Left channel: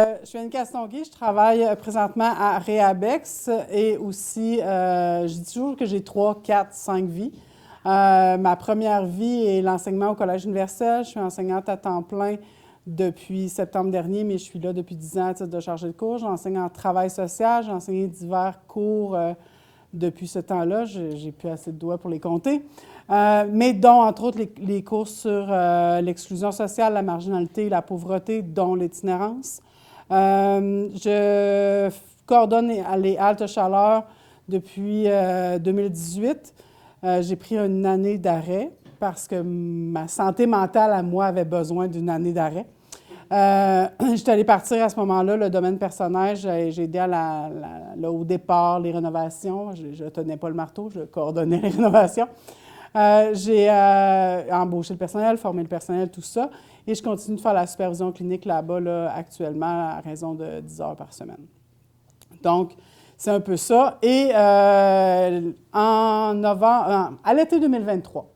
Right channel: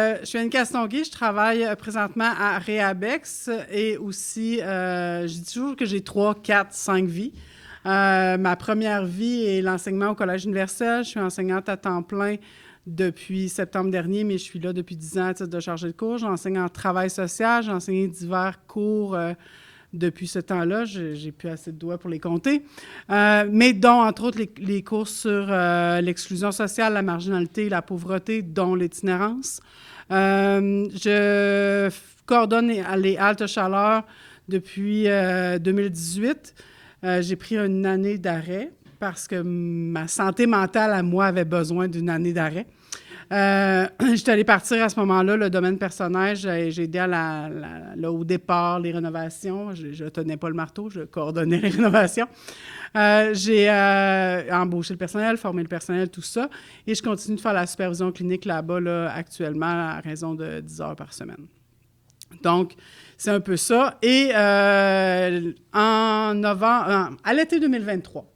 Je suis Anne Castonguay, je travaille présentement à Réabex et aussi, je dis toujours que j'ai 3, 4, 5 vies. Ma première vie est l'enseignement au Collège universel. Je suis enseignante à temps plein depuis septembre dernier, mais je suis là depuis 10 ans à titre de chargée de cours. J'enseigne en travail social, j'ai enseigné divers cours depuis ce temps-là. J'ai plus assez de doigts pour les compter. Mais dont, entre autres, les cours sur l'exclusion sociale, la marginalité, la pauvreté, dont l'itinérance. Je coordonne les haltes chaleur depuis 2018. J'ai pris une année d'arrêt parce que ma santé mentale à moi avait besoin d'une année d'arrêt. Je suis allée partir à ce moment-là, le domaine personnel. J'ai aidé au départ, les rénovations. Je ne tenais pas le marteau, je coordonnais les rénovations. J'ai embauché le personnel, formé le personnel, tout ça. Et je continue de faire la supervision clinique là-bas là, actuellement à raison de 10 heures par semaine. Donc, c'est un peu ça. Et en novembre, à l'été 2023,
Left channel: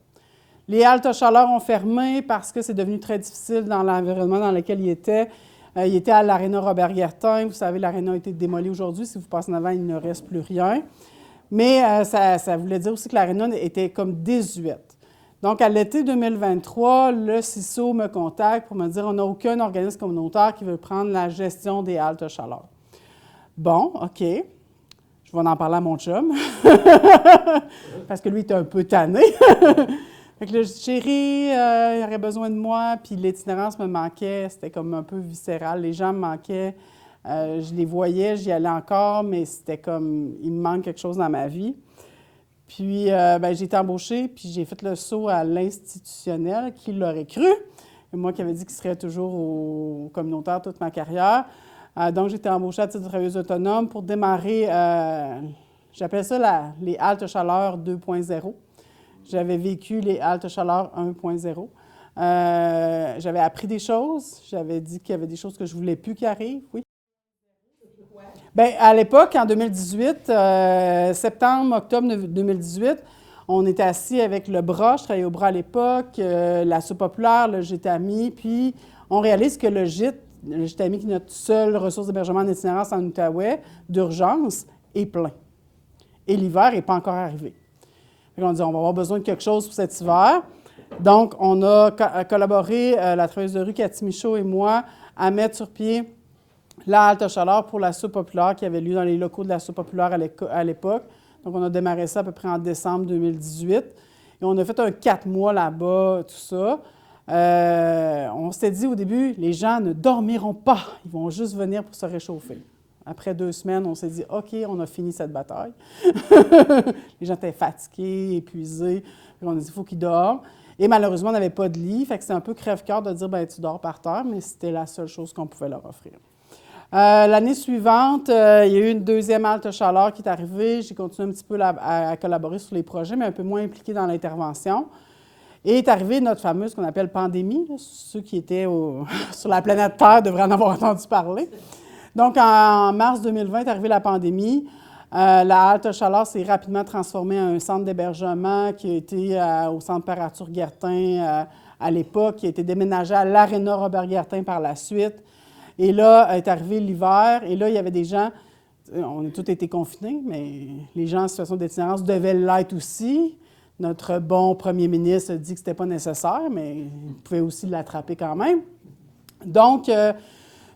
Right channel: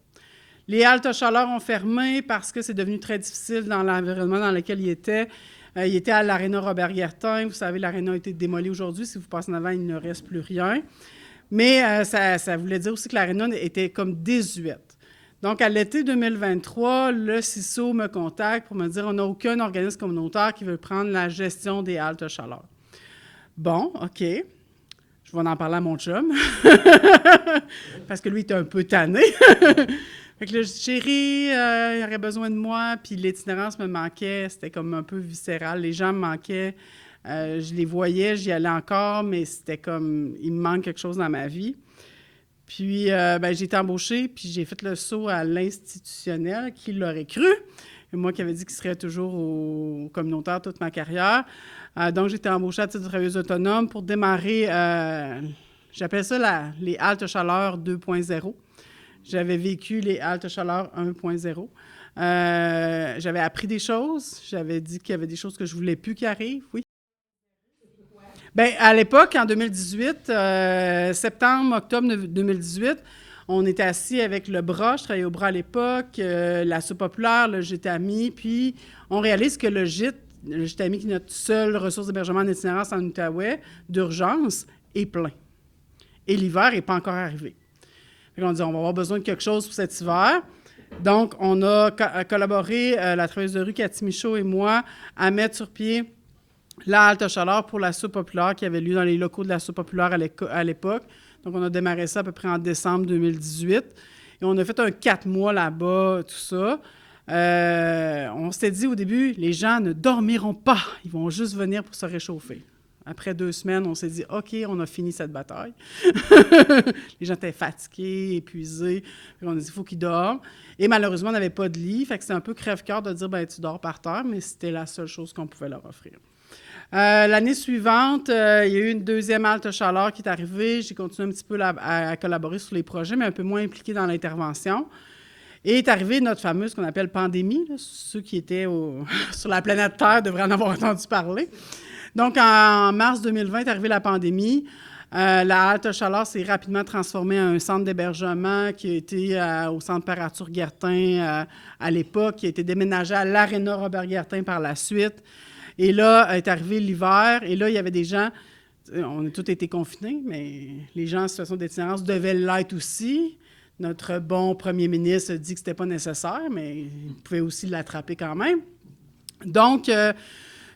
les haltes chaleur ont fermé parce que c'est devenu très difficile dans l'environnement dans lequel ils étaient. Ils étaient à l'aréna Robert-Guertin. Vous savez, l'aréna a été démolie aujourd'hui. Si vous passez en avant, il ne reste plus rien. Mais ça voulait dire aussi que l'aréna était comme désuète. Donc, à l'été 2023, le CISO me contacte pour me dire qu'on n'a aucun organisme communautaire qui veut prendre la gestion des haltes chaleur. Bon, OK. Je vais en parler à mon chum. Parce que lui, il était un peu tanné. Fait que là, je dis, chérie, il aurait besoin de moi, puis l'itinérance me manquait, c'était comme un peu viscéral. Les gens me manquaient, je les voyais, j'y allais encore, mais c'était comme, il me manque quelque chose dans ma vie. Puis, j'ai été embauchée, puis j'ai fait le saut à l'institutionnel, qui l'aurait cru. Et moi qui avais dit qu'il serait toujours au communautaire toute ma carrière. Donc, j'ai été embauchée à titre de travailleuse autonome pour démarrer, j'appelle ça les haltes chaleur 2.0. J'avais vécu les haltes chaleur 1.0. J'avais appris des choses. J'avais dit qu'il y avait des choses que je ne voulais plus qui arrivent. Oui. Bien, à l'époque, en 2018, septembre, octobre 2018, on était assis avec le bras. Je travaillais au bras à l'époque, la soupe populaire, le gîte ami. Puis, on réalise que le gîte ami, qui est notre seule ressource d'hébergement en itinérance en Outaouais, d'urgence, est plein. Et l'hiver n'est pas encore arrivé. On dit, on va avoir besoin de quelque chose pour cet hiver. Donc, on a collaboré, la travailleuse de rue Cathy Michaud et moi, à mettre sur pied la halte chaleur pour la soupe populaire qui avait lieu dans les locaux de la soupe populaire à l'époque. Donc, on a démarré ça à peu près en décembre 2018. Et on a fait un 4 mois là-bas, tout ça. On s'était dit au début, les gens ne dormiront pas. Ils vont juste venir pour se réchauffer. Après 2 semaines, on s'est dit, OK, on a fini cette bataille. Les gens étaient fatigués, épuisés. On a dit, il faut qu'ils dorment. Et malheureusement, on n'avait pas de lit. Fait que c'était un peu crève-cœur de dire, bien, tu dors par terre, mais c'était la seule chose qu'on pouvait leur offrir. L'année suivante, il y a eu une deuxième halte chaleur qui est arrivée. J'ai continué un petit peu à collaborer sur les projets, mais un peu moins impliqué dans l'intervention. Et est arrivée notre fameuse, qu'on appelle pandémie. Là, ceux qui étaient sur la planète Terre devraient en avoir entendu parler. Donc, en mars 2020 est arrivée la pandémie. La halte chaleur s'est rapidement transformée en un centre d'hébergement qui a été au centre Père Arthur Guertin à l'époque, qui a été déménagé à l'aréna Robert Guertin par la suite. Et là, est arrivé l'hiver, et là, il y avait des gens, on a tous été confinés, mais les gens en situation d'itinérance devaient l'être aussi. Notre bon premier ministre a dit que ce n'était pas nécessaire, mais il pouvait aussi l'attraper quand même. Donc,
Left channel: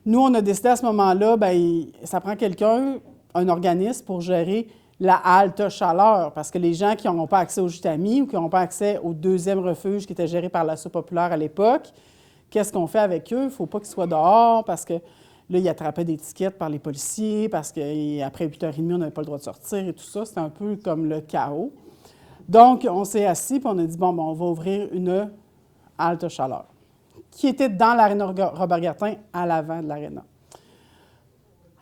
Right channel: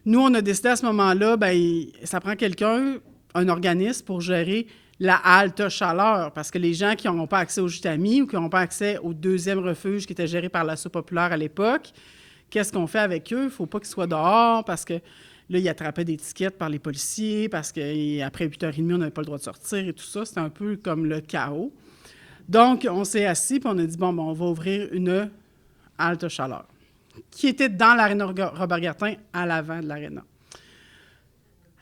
nous, on a décidé à ce moment-là, bien, ça prend quelqu'un, un organisme pour gérer la halte chaleur, parce que les gens qui n'ont pas accès au gîte ami ou qui n'ont pas accès au deuxième refuge qui était géré par la soupe populaire à l'époque, qu'est-ce qu'on fait avec eux? Il ne faut pas qu'ils soient dehors parce que là, ils attrapaient des tickets par les policiers, parce qu'après 8h30, on n'avait pas le droit de sortir et tout ça. C'était un peu comme le chaos. Donc, on s'est assis et on a dit, bon, on va ouvrir une halte chaleur, qui était dans l'aréna Robert Guertin, à l'avant de l'aréna.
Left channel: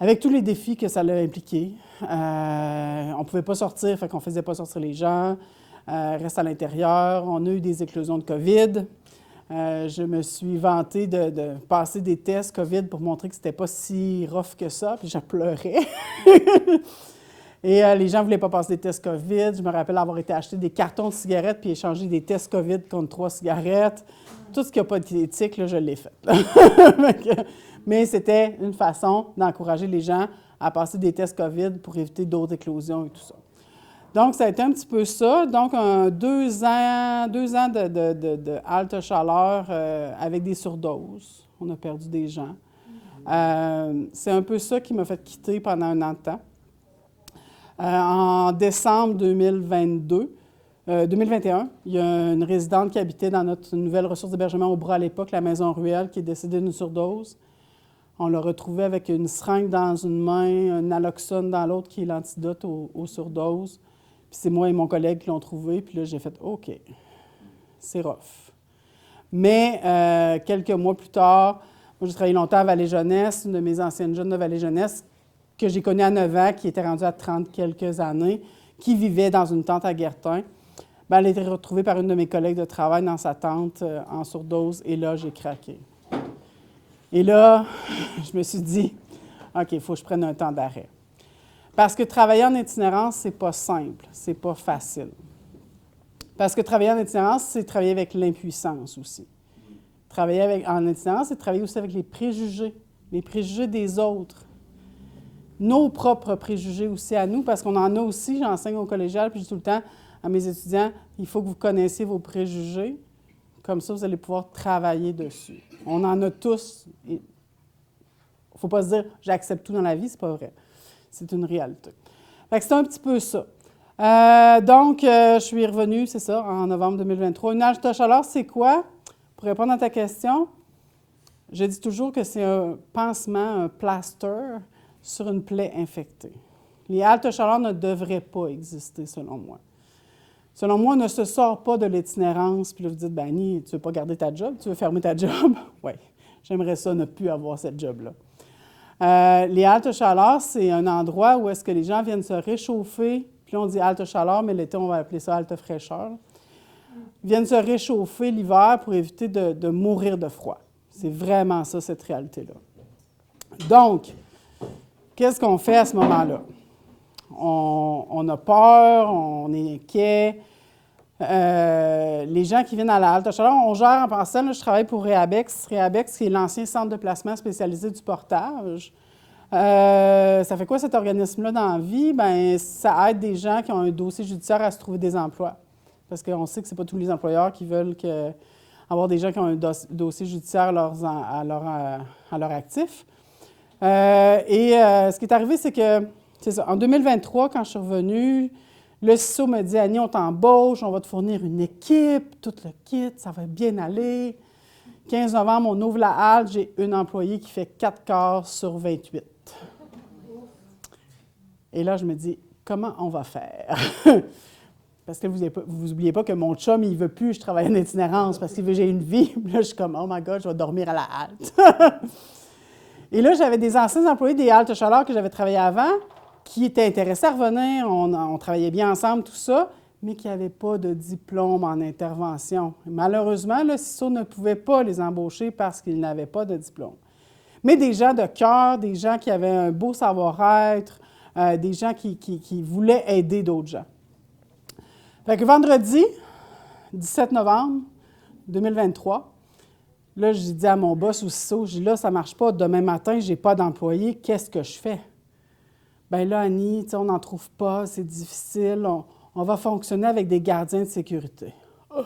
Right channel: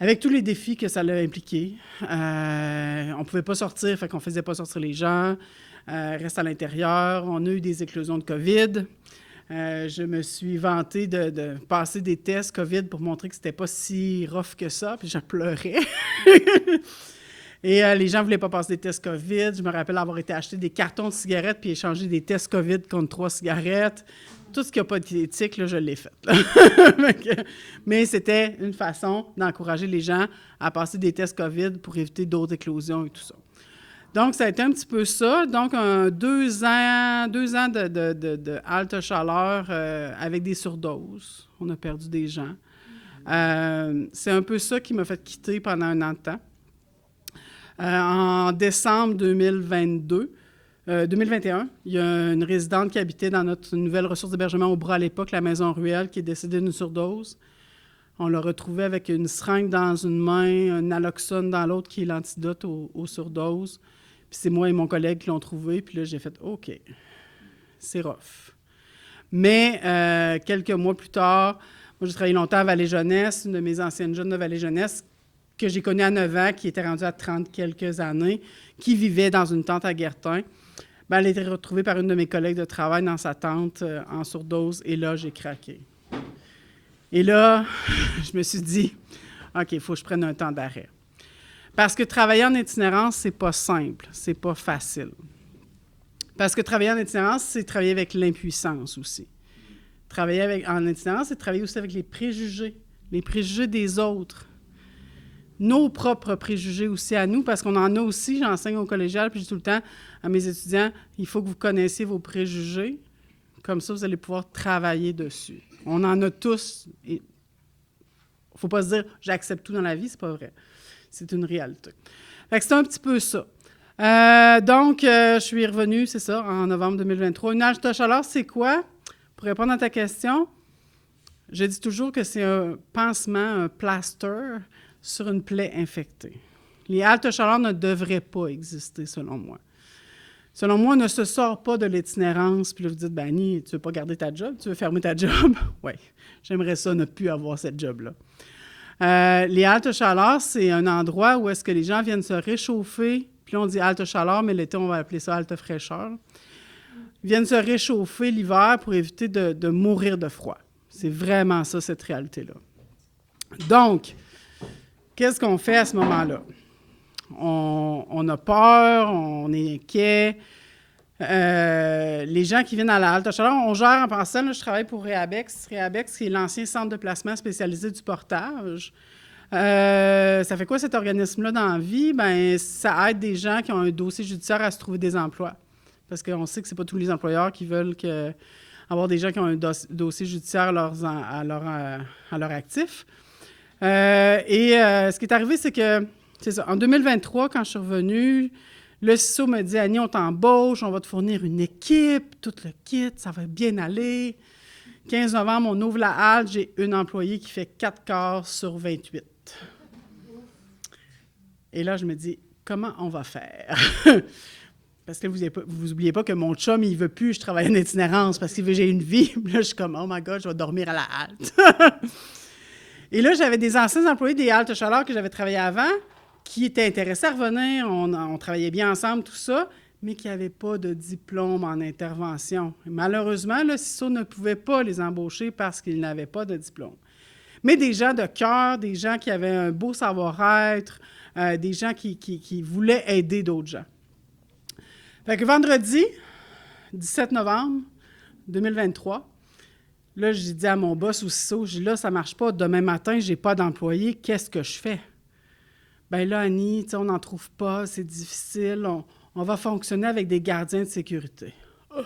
Avec tous les défis que ça l'a impliqué, on ne pouvait pas sortir, fait qu'on ne faisait pas sortir les gens, reste à l'intérieur. On a eu des éclosions de COVID. Je me suis vantée de passer des tests COVID pour montrer que c'était pas si rough que ça, puis je pleurais. Et les gens ne voulaient pas passer des tests COVID. Je me rappelle avoir été acheter des cartons de cigarettes puis échanger des tests COVID contre 3 cigarettes. tout ce qui n'a pas d'éthique, là, je l'ai fait. Mais c'était une façon d'encourager les gens à passer des tests COVID pour éviter d'autres éclosions et tout ça. Donc, ça a été un petit peu ça. Donc, 2 ans de halte chaleur avec des surdoses. On a perdu des gens. C'est un peu ça qui m'a fait quitter pendant un an de temps. En décembre 2021, il y a une résidente qui habitait dans notre nouvelle ressource d'hébergement au Bras à l'époque, la Maison Ruelle, qui est décédée d'une surdose. On l'a retrouvée avec une seringue dans une main, un naloxone dans l'autre, qui est l'antidote aux surdoses. Puis c'est moi et mon collègue qui l'ont trouvé. Puis là, j'ai fait « OK, c'est rough ». Mais quelques mois plus tard, moi, j'ai travaillé longtemps à Vallée-Jeunesse, une de mes anciennes jeunes de Vallée-Jeunesse, que j'ai connue à 9 ans, qui était rendue à 30 quelques années, qui vivait dans une tente à Guertin. Bien, elle a été retrouvée par une de mes collègues de travail dans sa tente en surdose, et là, j'ai craqué. Et là, je me suis dit, OK, il faut que je prenne un temps d'arrêt. Parce que travailler en itinérance, c'est pas simple, c'est pas facile. Parce que travailler en itinérance, c'est travailler avec l'impuissance aussi. Travailler en itinérance, c'est travailler aussi avec les préjugés des autres. Nos propres préjugés aussi à nous, parce qu'on en a aussi, j'enseigne au collégial, puis je dis tout le temps à mes étudiants, il faut que vous connaissiez vos préjugés, comme ça vous allez pouvoir travailler dessus. On en a tous. Il ne faut pas se dire « j'accepte tout dans la vie », c'est pas vrai. C'est une réalité. Fait que c'est un petit peu ça. Donc, je suis revenue, c'est ça, en novembre 2023. Une halte chaleur, c'est quoi? Pour répondre à ta question, je dis toujours que c'est un pansement, un plaster sur une plaie infectée. Les haltes chaleur ne devraient pas exister, selon moi. Selon moi, on ne se sort pas de l'itinérance, puis là, vous dites, ben Annie, tu ne veux pas garder ta job, tu veux fermer ta job? Oui, j'aimerais ça ne plus avoir cette job-là. Les haltes chaleur, c'est un endroit où est-ce que les gens viennent se réchauffer, puis là, on dit halte chaleur, mais l'été, on va appeler ça halte fraîcheur. Ils viennent se réchauffer l'hiver pour éviter de mourir de froid. C'est vraiment ça, cette réalité-là. Donc, qu'est-ce qu'on fait à ce moment-là? On a peur, on est inquiet. Les gens qui viennent à la halte chaleur, on gère en passant, là, je travaille pour Réabex. Réabex, qui est l'ancien centre de placement spécialisé du portage. Ça fait quoi cet organisme-là dans la vie? Bien, ça aide des gens qui ont un dossier judiciaire à se trouver des emplois. Parce qu'on sait que ce n'est pas tous les employeurs qui veulent avoir des gens qui ont un dossier judiciaire à leur actif. Ce qui est arrivé, c'est que, c'est ça, en 2023, quand je suis revenue, le CISO me dit « Annie, on t'embauche, on va te fournir une équipe, tout le kit, ça va bien aller. » 15 novembre, on ouvre la halte, j'ai une employée qui fait 4 quarts sur 28. Et là, je me dis « Comment on va faire? » Parce que vous n'oubliez pas que mon chum, il ne veut plus que je travaille en itinérance parce qu'il veut que j'ai une vie. Puis là, je suis comme « Oh my God, je vais dormir à la halte. » Et là, j'avais des anciens employés des haltes chaleur que j'avais travaillé avant qui étaient intéressés à revenir. On travaillait bien ensemble, tout ça, mais qui n'avaient pas de diplôme en intervention. Et malheureusement, le CISO ne pouvait pas les embaucher parce qu'ils n'avaient pas de diplôme. Mais des gens de cœur, des gens qui avaient un beau savoir-être, des gens qui voulaient aider d'autres gens. Fait que vendredi, 17 novembre 2023, là, j'ai dit à mon boss au CISO, j'ai dit là, ça ne marche pas, demain matin, je n'ai pas d'employé, qu'est-ce que je fais? Bien là, Annie, on n'en trouve pas, c'est difficile, on va fonctionner avec des gardiens de sécurité. Oh.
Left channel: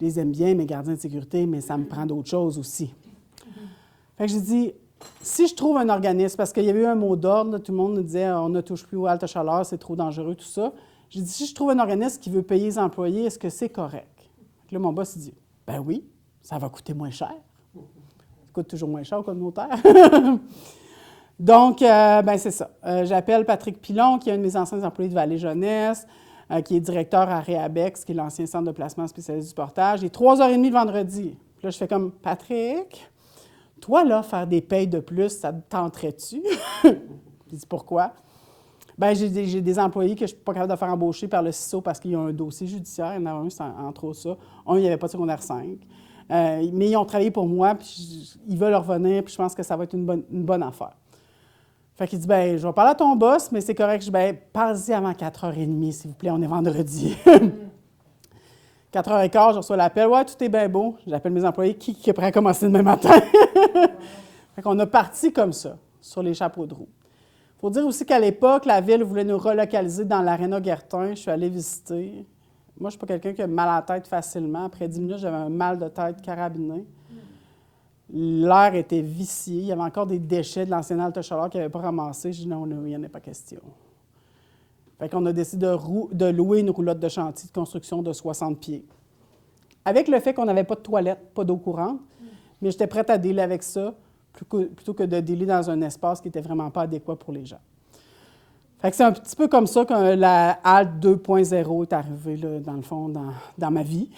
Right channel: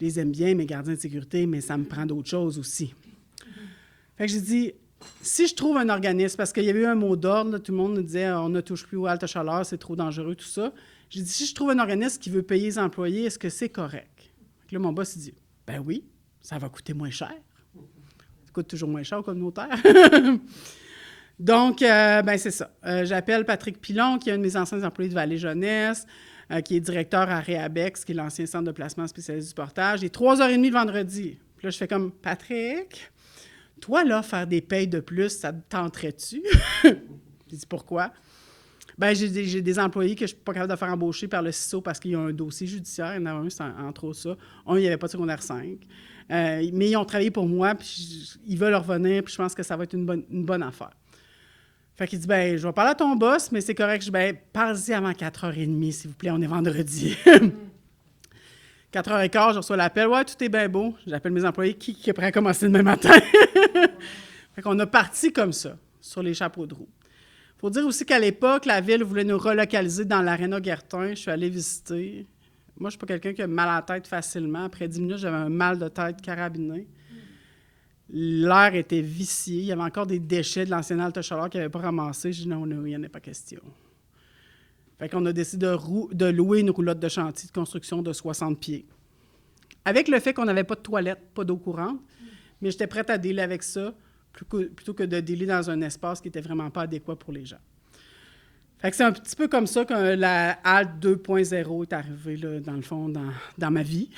Je les aime bien, mes gardiens de sécurité, mais ça me prend d'autres choses aussi. Fait que j'ai dit, si je trouve un organisme, parce qu'il y avait eu un mot d'ordre, là, tout le monde nous disait on ne touche plus aux haltes chaleur, c'est trop dangereux, tout ça. J'ai dit, si je trouve un organisme qui veut payer les employés, est-ce que c'est correct? Là, mon boss, il dit, ben oui, ça va coûter moins cher. Ça coûte toujours moins cher au communautaire. Donc, ben c'est ça. J'appelle Patrick Pilon, qui est un de mes anciens employés de Vallée-Jeunesse, qui est directeur à Réabex, qui est l'ancien centre de placement spécialisé du portage. Il est 3h30 le vendredi. Puis là, je fais comme, Patrick, toi, là, faire des payes de plus, ça te tenterait-tu? J'ai dit, pourquoi? Bien, j'ai des employés que je ne suis pas capable de faire embaucher par le CISO parce qu'ils ont un dossier judiciaire. Il y en a un, c'est entre autres ça. Un, il n'y avait pas de secondaire 5. Mais ils ont travaillé pour moi, puis ils veulent revenir, puis je pense que ça va être une bonne affaire. Fait qu'il dit, bien, je vais parler à ton boss, mais c'est correct. Je dis, bien, parle-y avant 4h30, s'il vous plaît, on est vendredi. 4h15, je reçois l'appel. « Ouais, tout est bien beau. » J'appelle mes employés. Qui est prêt à commencer demain matin? Fait qu'on a parti comme ça, sur les chapeaux de roue. Il faut dire aussi qu'à l'époque, la ville voulait nous relocaliser dans l'Aréna Guertin. Je suis allée visiter. Moi, je ne suis pas quelqu'un qui a mal à la tête facilement. Après 10 minutes, j'avais un mal de tête carabiné. L'air était vicié. Il y avait encore des déchets de l'ancienne halte chaleur qu'ils n'avaient pas ramassés. J'ai dit non, il n'y en a pas question. Fait qu'on a décidé de louer une roulotte de chantier de construction de 60 pieds. Avec le fait qu'on n'avait pas de toilette, pas d'eau courante, mais j'étais prête à dealer avec ça plutôt que de dealer dans un espace qui n'était vraiment pas adéquat pour les gens. Fait que c'est un petit peu comme ça que la halte 2.0 est arrivée, là, dans le fond, dans ma vie,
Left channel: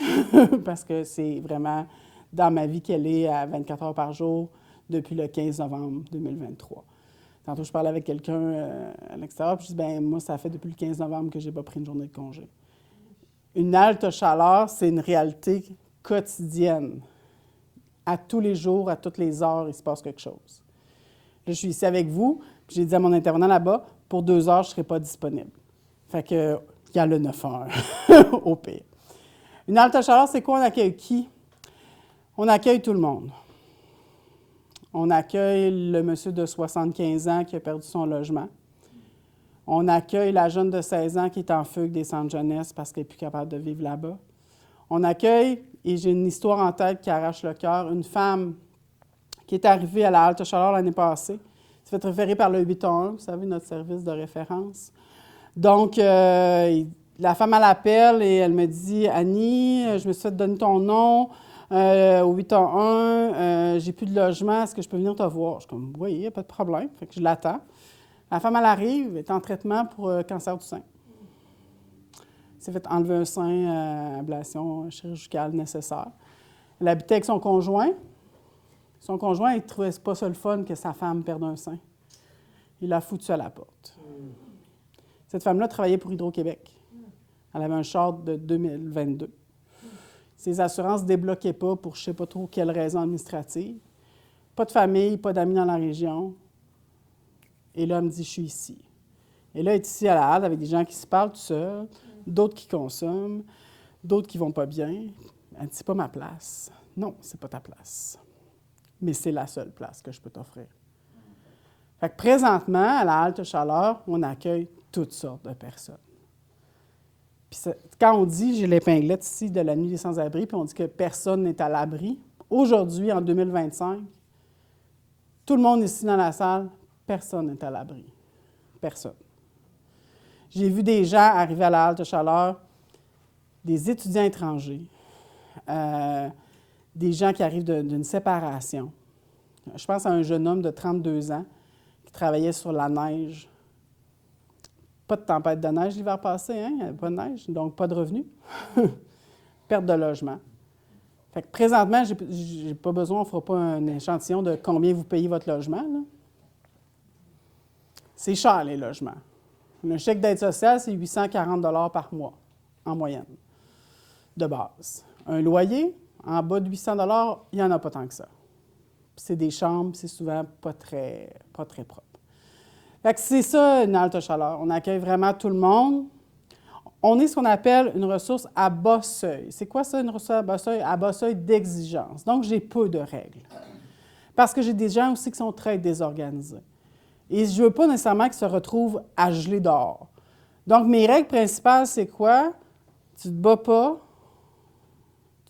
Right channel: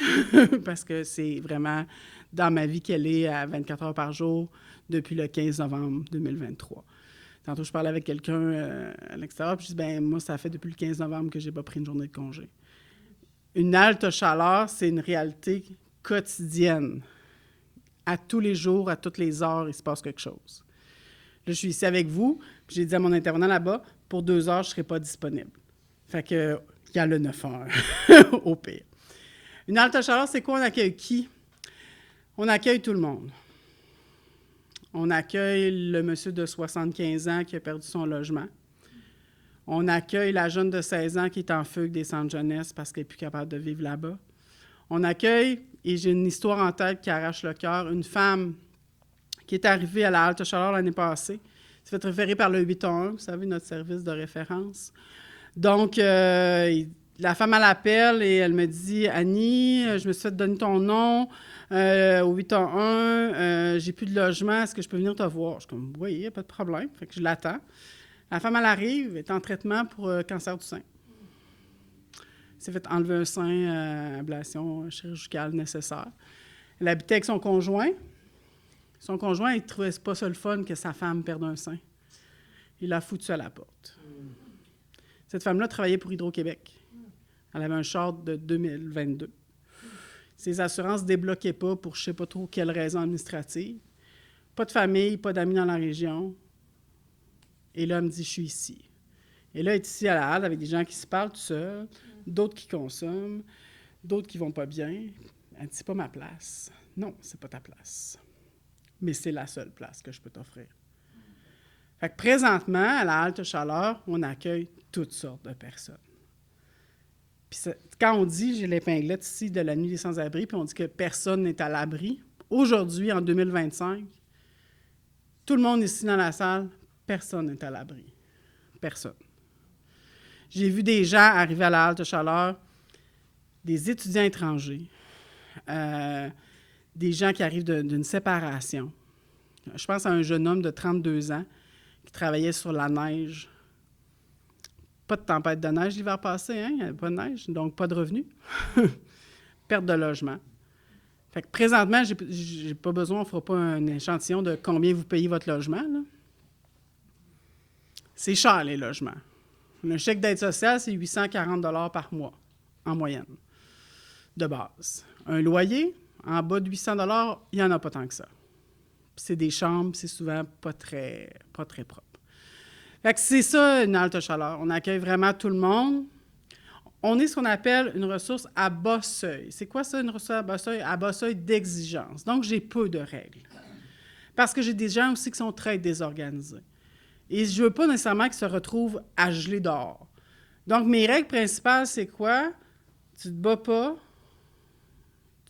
parce que c'est vraiment dans ma vie qu'elle est à 24 heures par jour depuis le 15 novembre 2023. Tantôt, je parlais avec quelqu'un à l'extérieur, puis je dis, bien, moi, ça fait depuis le 15 novembre que je n'ai pas pris une journée de congé. Une halte chaleur, c'est une réalité quotidienne. À tous les jours, à toutes les heures, il se passe quelque chose. Là, je suis ici avec vous, puis j'ai dit à mon intervenant là-bas, pour 2 heures, je ne serai pas disponible. Fait que, il y a le 9 heures, au pire. Une halte chaleur, c'est quoi? On accueille qui? On accueille tout le monde. On accueille le monsieur de 75 ans qui a perdu son logement. On accueille la jeune de 16 ans qui est en fugue des centres jeunesse parce qu'elle n'est plus capable de vivre là-bas. On accueille, et j'ai une histoire en tête qui arrache le cœur, une femme qui est arrivée à la halte chaleur l'année passée. Elle s'est fait référer par le 811, vous savez, notre service de référence. Donc, la femme, elle appelle et elle me dit « Annie, je me suis fait donner ton nom. Au 811, j'ai plus de logement, est-ce que je peux venir te voir? » Je suis comme, oui, il n'y a pas de problème. Fait que je l'attends. La femme, elle arrive, elle est en traitement pour cancer du sein. Elle s'est fait enlever un sein, ablation chirurgicale nécessaire. Elle habitait avec son conjoint. Son conjoint, il ne trouvait pas ça le fun que sa femme perde un sein. Il l'a foutu à la porte. Cette femme-là travaillait pour Hydro-Québec. Elle avait un char de 2022. Ses assurances ne débloquaient pas pour je ne sais pas trop quelle raison administrative. Pas de famille, pas d'amis dans la région. Et là, elle me dit, je suis ici. Et là, elle est ici à la halte avec des gens qui se parlent tout seuls, d'autres qui consomment, d'autres qui ne vont pas bien. Elle dit, c'est pas ma place. Non, c'est pas ta place. Mais c'est la seule place que je peux t'offrir. Fait que présentement, à la halte chaleur, on accueille toutes sortes de personnes. Puis quand on dit, j'ai l'épinglette ici de la nuit des sans-abri, puis on dit que personne n'est à l'abri, aujourd'hui, en 2025, tout le monde ici dans la salle, personne n'est à l'abri. Personne. J'ai vu des gens arriver à la halte chaleur, des étudiants étrangers, des gens qui arrivent d'une séparation. Je pense à un jeune homme de 32 ans qui travaillait sur la neige. Pas de tempête de neige l'hiver passé, hein? Il n'y avait pas de neige, donc pas de revenus. Perte de logement. Fait que présentement, j'ai pas besoin, on ne fera pas un échantillon de combien vous payez votre logement, là. C'est cher, les logements. Un chèque d'aide sociale, c'est 840 $ par mois, en moyenne, de base. Un loyer, en bas de 800 $, il n'y en a pas tant que ça. Puis c'est des chambres, c'est souvent pas très propre. Fait que c'est ça, une halte chaleur. On accueille vraiment tout le monde. On est ce qu'on appelle une ressource à bas seuil. C'est quoi ça, une ressource à bas seuil? À bas seuil d'exigence. Donc, j'ai peu de règles. Parce que j'ai des gens aussi qui sont très désorganisés. Et je ne veux pas nécessairement qu'ils se retrouvent à geler dehors. Donc, mes règles principales, c'est quoi? Tu ne te bats pas,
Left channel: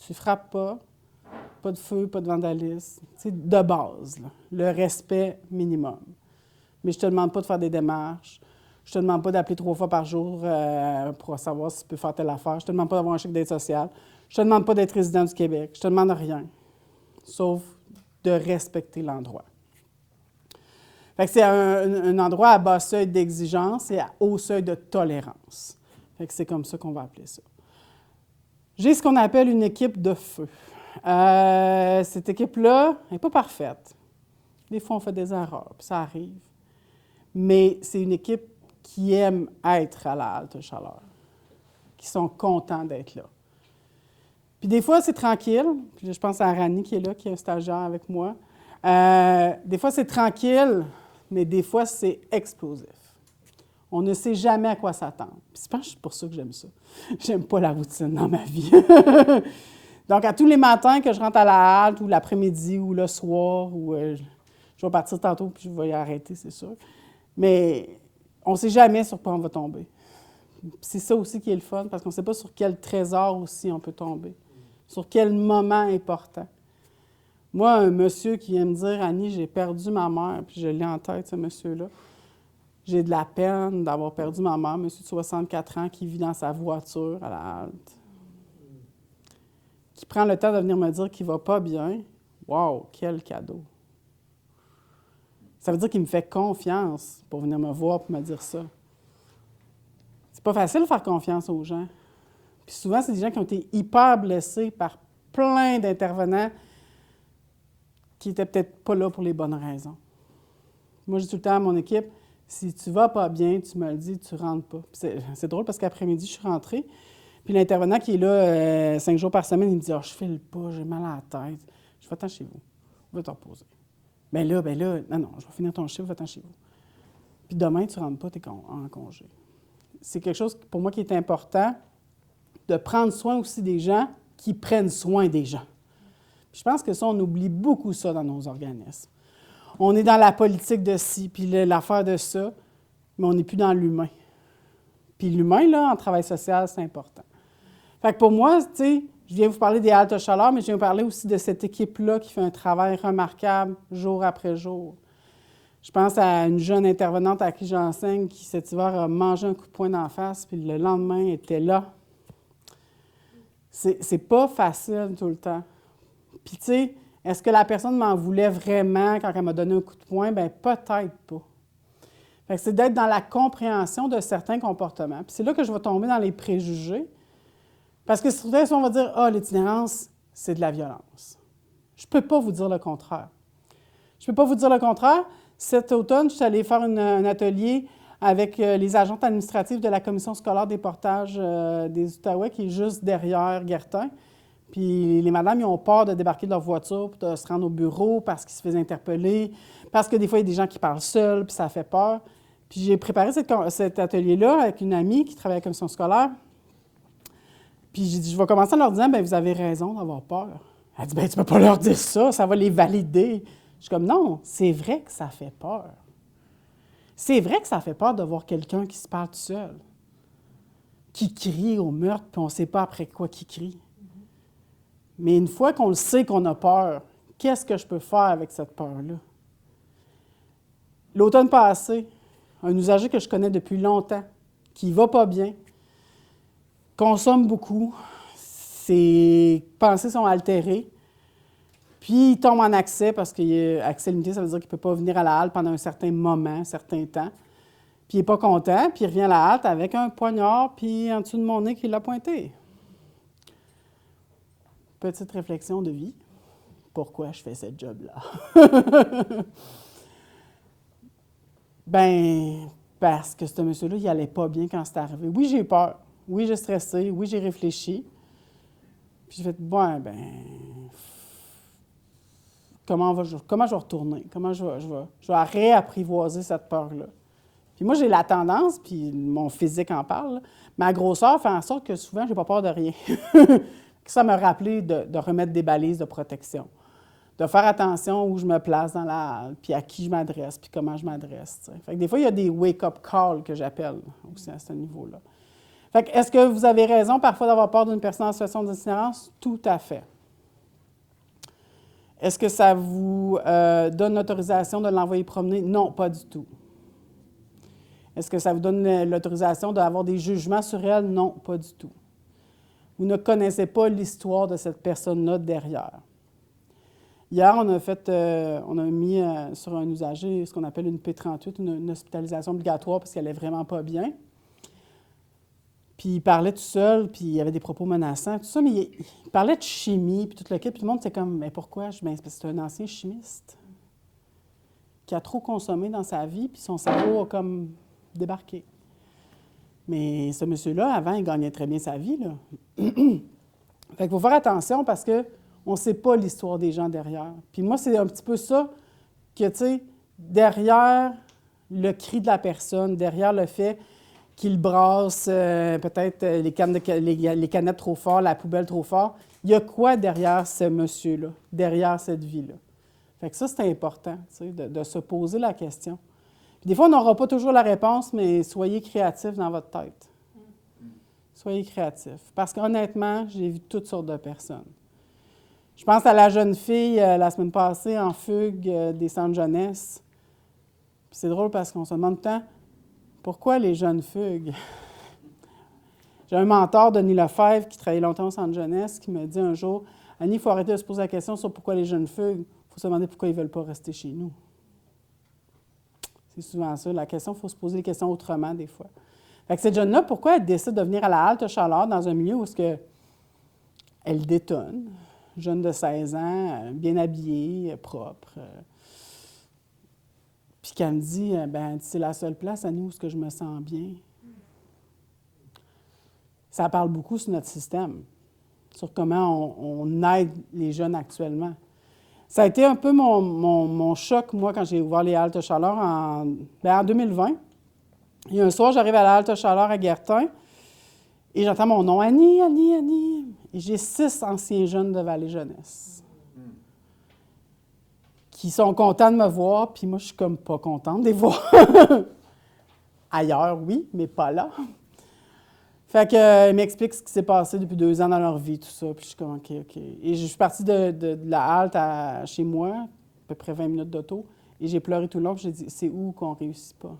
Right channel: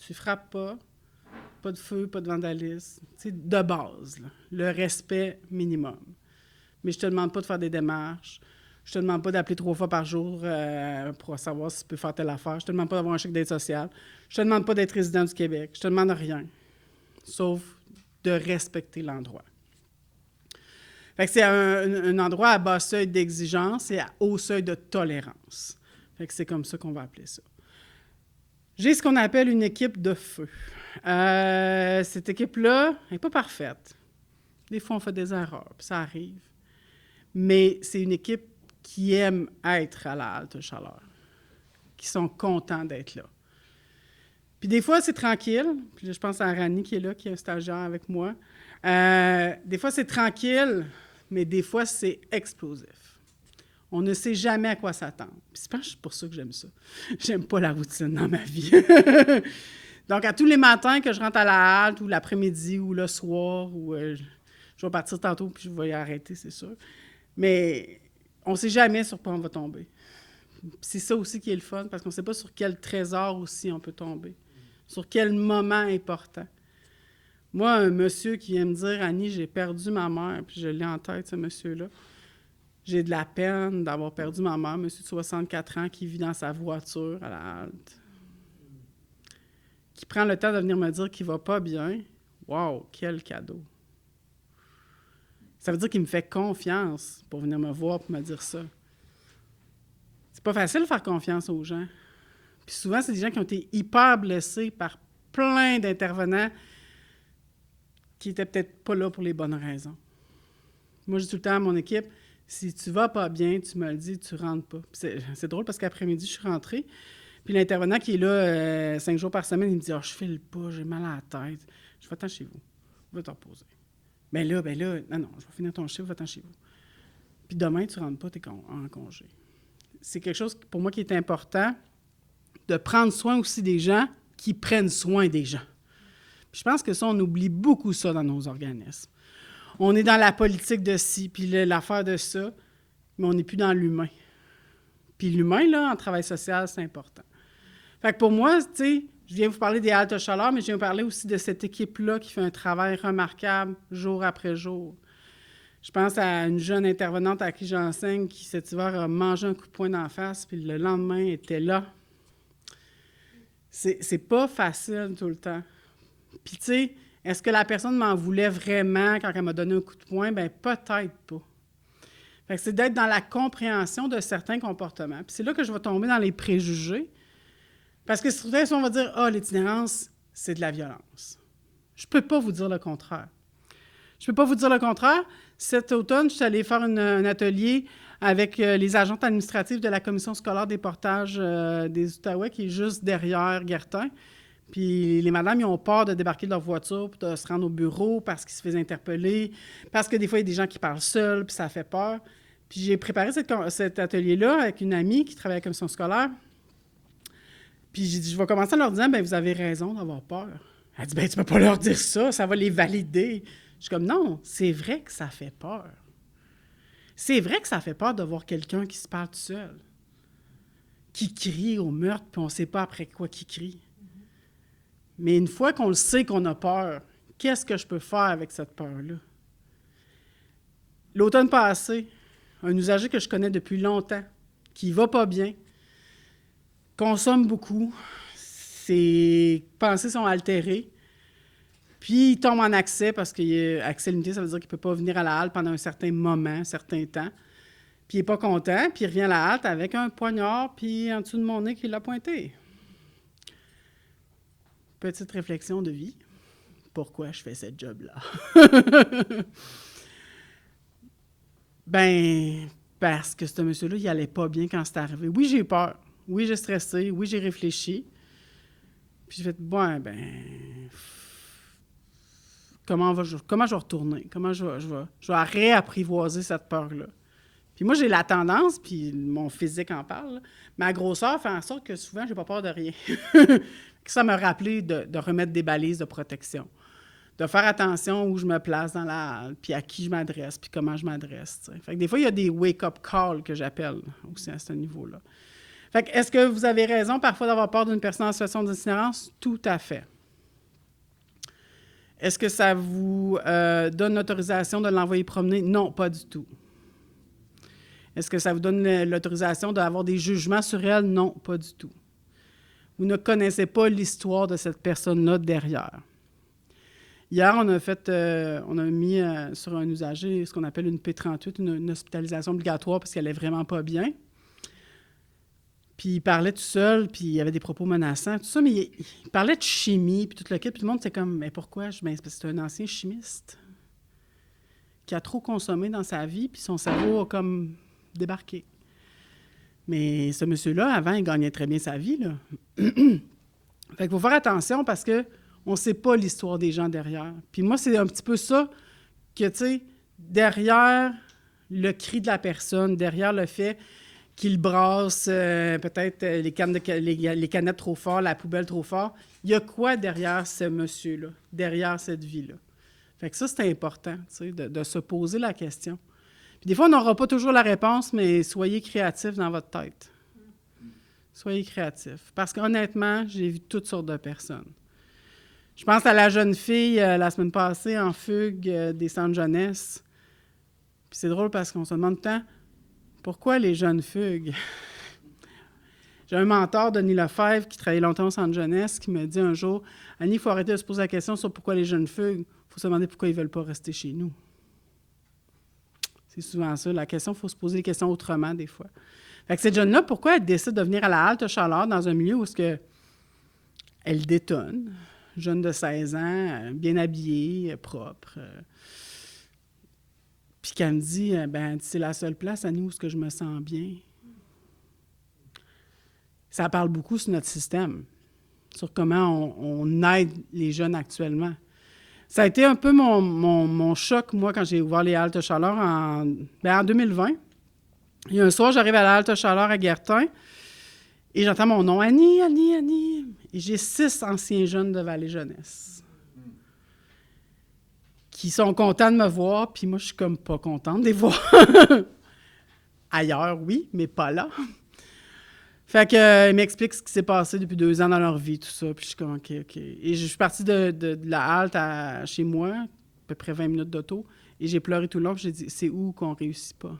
tu ne frappes pas de feu, pas de vandalisme. C'est de base, là, le respect minimum. Mais je ne te demande pas de faire des démarches. Je ne te demande pas d'appeler 3 fois par jour pour savoir si tu peux faire telle affaire. Je ne te demande pas d'avoir un chèque d'aide sociale. Je ne te demande pas d'être résident du Québec. Je ne te demande rien, sauf de respecter l'endroit. Fait que c'est un endroit à bas seuil d'exigence et à haut seuil de tolérance. Fait que c'est comme ça qu'on va appeler ça. J'ai ce qu'on appelle une équipe de feu. Cette équipe-là n'est pas parfaite. Des fois, on fait des erreurs, puis ça arrive. Mais c'est une équipe qui aime être à la halte chaleur, qui sont contents d'être là. Puis des fois, c'est tranquille. Puis je pense à Rani qui est là, qui est un stagiaire avec moi. Des fois, c'est tranquille, mais des fois, c'est explosif. On ne sait jamais à quoi s'attendre. Puis je pense que c'est pour ça que j'aime ça. J'aime pas la routine dans ma vie. Donc, à tous les matins que je rentre à la halte, ou l'après-midi, ou le soir, ou je vais partir tantôt, puis je vais y arrêter, c'est sûr. Mais on ne sait jamais sur quoi on va tomber. Puis c'est ça aussi qui est le fun, parce qu'on ne sait pas sur quel trésor aussi on peut tomber. Sur quel moment important. Moi, un monsieur qui vient me dire « Annie, j'ai perdu ma mère », puis je l'ai en tête, ce monsieur-là. J'ai de la peine d'avoir perdu ma mère, monsieur de 64 ans, qui vit dans sa voiture à la halte, qui prend le temps de venir me dire qu'il ne va pas bien. Wow, quel cadeau! Ça veut dire qu'il me fait confiance pour venir me voir et me dire ça. C'est pas facile de faire confiance aux gens. Puis souvent, c'est des gens qui ont été hyper blessés par plein d'intervenants qui n'étaient peut-être pas là pour les bonnes raisons. Moi, je dis tout le temps à mon équipe, si tu vas pas bien, tu me le dis, tu rentres pas. C'est drôle parce qu'après-midi, je suis rentrée, puis l'intervenant qui est là 5 jours par semaine, il me dit « Ah, je file pas, j'ai mal à la tête. » Je dis « Va-t'en chez vous, va te reposer. » Ben là, non, je vais finir ton chiffre, va-t'en chez vous. Puis demain, tu ne rentres pas, tu es en congé. C'est quelque chose, pour moi, qui est important, de prendre soin aussi des gens qui prennent soin des gens. Puis je pense que ça, on oublie beaucoup ça dans nos organismes. On est dans la politique de ci, puis l'affaire de ça, mais on n'est plus dans l'humain. Puis l'humain, là, en travail social, c'est important. Fait que pour moi, tu sais, je viens vous parler des haltes chaleur, mais je viens vous parler aussi de cette équipe-là qui fait un travail remarquable jour après jour. Je pense à une jeune intervenante à qui j'enseigne qui, cet hiver, a mangé un coup de poing d'en face, puis le lendemain, était là. C'est pas facile tout le temps. Puis, tu sais, est-ce que la personne m'en voulait vraiment quand elle m'a donné un coup de poing? Bien, peut-être pas. Fait que c'est d'être dans la compréhension de certains comportements. Puis c'est là que je vais tomber dans les préjugés. Parce que souvent, on va dire « Ah, l'itinérance, c'est de la violence. » Je ne peux pas vous dire le contraire. Je ne peux pas vous dire le contraire. Cet automne, je suis allée faire un atelier avec les agentes administratives de la commission scolaire des portages des Outaouais, qui est juste derrière Guertin. Puis les madames, ils ont peur de débarquer de leur voiture, puis de se rendre au bureau parce qu'ils se faisaient interpeller, parce que des fois, il y a des gens qui parlent seuls, puis ça fait peur. Puis j'ai préparé cet atelier-là avec une amie qui travaille à la commission scolaire. Puis j'ai dit, je vais commencer en leur disant, bien, vous avez raison d'avoir peur. Elle dit, bien, tu ne peux pas leur dire ça, ça va les valider. Je suis comme, non, c'est vrai que ça fait peur. C'est vrai que ça fait peur de voir quelqu'un qui se parle tout seul, qui crie au meurtre, puis on ne sait pas après quoi qu'il crie. Mais une fois qu'on le sait qu'on a peur, qu'est-ce que je peux faire avec cette peur-là? L'automne passé, un usager que je connais depuis longtemps, qui ne va pas bien, consomme beaucoup, ses pensées sont altérées, puis il tombe en accès parce qu'il est accès limité, ça veut dire qu'il ne peut pas venir à la halte pendant un certain moment, un certain temps. Puis il n'est pas content, puis il revient à la halte avec un poignard, puis en dessous de mon nez qu'il l'a pointé. Petite réflexion de vie. Pourquoi je fais ce job-là? Ben, parce que ce monsieur-là, il n'allait pas bien quand c'est arrivé. Oui, j'ai peur. Oui, j'ai stressé. Oui, j'ai réfléchi. Puis j'ai fait, bon, ben, comment je vais retourner? Comment je vais réapprivoiser cette peur-là? Puis moi, j'ai la tendance, puis mon physique en parle, ma grosseur fait en sorte que souvent, je n'ai pas peur de rien. Ça m'a rappelé de remettre des balises de protection, de faire attention où je me place dans la halle, puis à qui je m'adresse, puis comment je m'adresse. T'sais. Fait que des fois, il y a des wake-up calls que j'appelle aussi à ce niveau-là. Fait que est-ce que vous avez raison parfois d'avoir peur d'une personne en situation d'itinérance? Tout à fait. Est-ce que ça vous donne l'autorisation de l'envoyer promener? Non, pas du tout. Est-ce que ça vous donne l'autorisation d'avoir des jugements sur elle? Non, pas du tout. Vous ne connaissez pas l'histoire de cette personne-là derrière. Hier, on a mis sur un usager ce qu'on appelle une P38, une hospitalisation obligatoire parce qu'elle n'est vraiment pas bien. Puis il parlait tout seul, puis il y avait des propos menaçants, tout ça, mais il parlait de chimie, puis tout le kit, puis tout le monde était comme, mais pourquoi? Ben, c'est parce que c'est un ancien chimiste qui a trop consommé dans sa vie, puis son cerveau a comme débarqué. Mais ce monsieur-là, avant, il gagnait très bien sa vie, là. Fait qu'il faut faire attention parce qu'on ne sait pas l'histoire des gens derrière. Puis moi, c'est un petit peu ça que, tu sais, derrière le cri de la personne, derrière le fait qu'il brasse peut-être les canettes trop fort, la poubelle trop fort. Il y a quoi derrière ce monsieur-là, derrière cette vie-là? Fait que ça, c'est important, tu sais, de se poser la question. Puis des fois, on n'aura pas toujours la réponse, mais soyez créatifs dans votre tête. Soyez créatifs. Parce qu'honnêtement, j'ai vu toutes sortes de personnes. Je pense à la jeune fille, la semaine passée, en fugue des centres jeunesse. Puis c'est drôle parce qu'on se demande tant, pourquoi les jeunes fuguent? J'ai un mentor, Denis Lefebvre, qui travaillait longtemps au centre jeunesse, qui me dit un jour, « Annie, il faut arrêter de se poser la question sur pourquoi les jeunes fuguent. Il faut se demander pourquoi ils ne veulent pas rester chez nous. » C'est souvent ça. La question, il faut se poser les questions autrement des fois. Fait que cette jeune-là, pourquoi elle décide de venir à la halte chaleur dans un milieu où elle détonne? Jeune de 16 ans, bien habillée, propre. Puis qu'elle me dit, ben, c'est la seule place à nous où je me sens bien. Ça parle beaucoup sur notre système, sur comment on aide les jeunes actuellement. Ça a été un peu mon choc, moi, quand j'ai ouvert les haltes chaleur en 2020. Il y a un soir, j'arrive à la halte chaleur à Guertin et j'entends mon nom, Annie, Annie, Annie. Et j'ai 6 anciens jeunes de Vallée Jeunesse qui sont contents de me voir, puis moi, je suis comme pas contente de les voir. Ailleurs, oui, mais pas là. Fait qu'ils m'expliquent ce qui s'est passé depuis 2 ans dans leur vie, tout ça. Puis je suis comme, OK. Et je suis partie de la halte chez moi, à peu près 20 minutes d'auto, et j'ai pleuré tout le long, puis j'ai dit, c'est où qu'on réussit pas?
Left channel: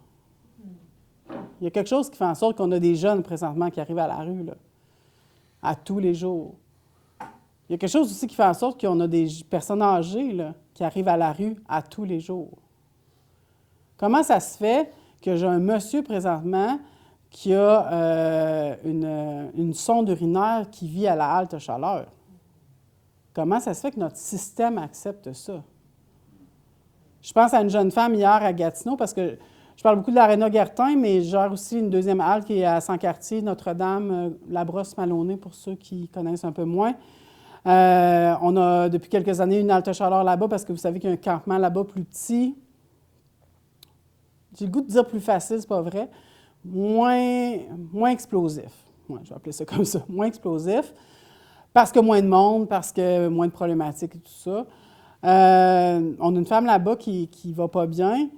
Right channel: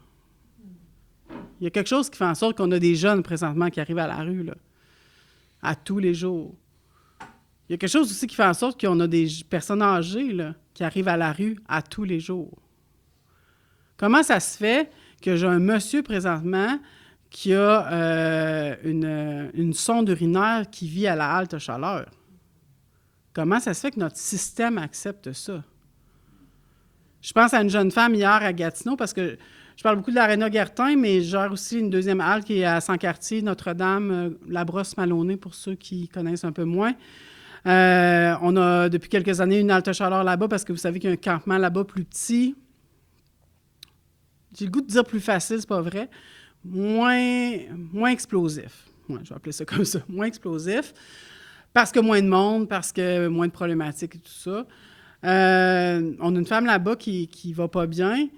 Il y a quelque chose qui fait en sorte qu'on a des jeunes présentement qui arrivent à la rue, là, à tous les jours. Il y a quelque chose aussi qui fait en sorte qu'on a des personnes âgées là, qui arrivent à la rue à tous les jours. Comment ça se fait que j'ai un monsieur présentement qui a une sonde urinaire qui vit à la halte chaleur? Comment ça se fait que notre système accepte ça? Je pense à une jeune femme hier à Gatineau, parce que je parle beaucoup de l'Aréna Guertin, mais je gère aussi une deuxième halte qui est à Saint-Cartier, Notre-Dame, la Brosse-Maloney, pour ceux qui connaissent un peu moins. On a depuis quelques années une halte chaleur là-bas, parce que vous savez qu'il y a un campement là-bas plus petit. J'ai le goût de dire plus facile, c'est pas vrai. Moins explosif. Ouais, je vais appeler ça comme ça. Moins explosif. Parce que moins de monde, parce que moins de problématiques et tout ça. On a une femme là-bas qui va pas bien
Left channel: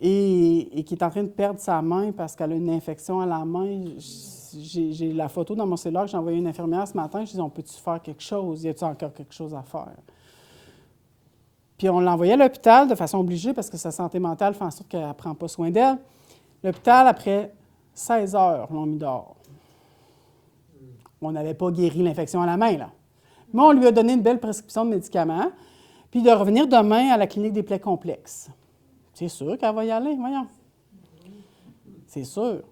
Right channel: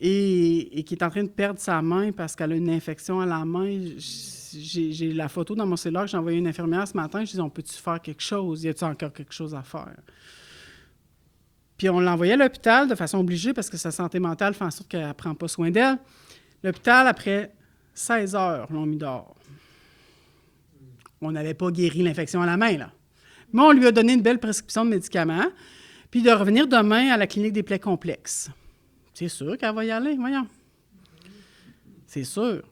et qui est en train de perdre sa main parce qu'elle a une infection à la main. J'ai la photo dans mon cellulaire que j'ai envoyé à une infirmière ce matin. Je dis, on peut-tu faire quelque chose? Y a-t-il encore quelque chose à faire? Puis on l'a envoyée à l'hôpital de façon obligée parce que sa santé mentale fait en sorte qu'elle ne prend pas soin d'elle. L'hôpital, après 16 heures, l'ont mis dehors. On n'avait pas guéri l'infection à la main, là. Mais on lui a donné une belle prescription de médicaments, puis de revenir demain à la clinique des plaies complexes. C'est sûr qu'elle va y aller, voyons. C'est sûr.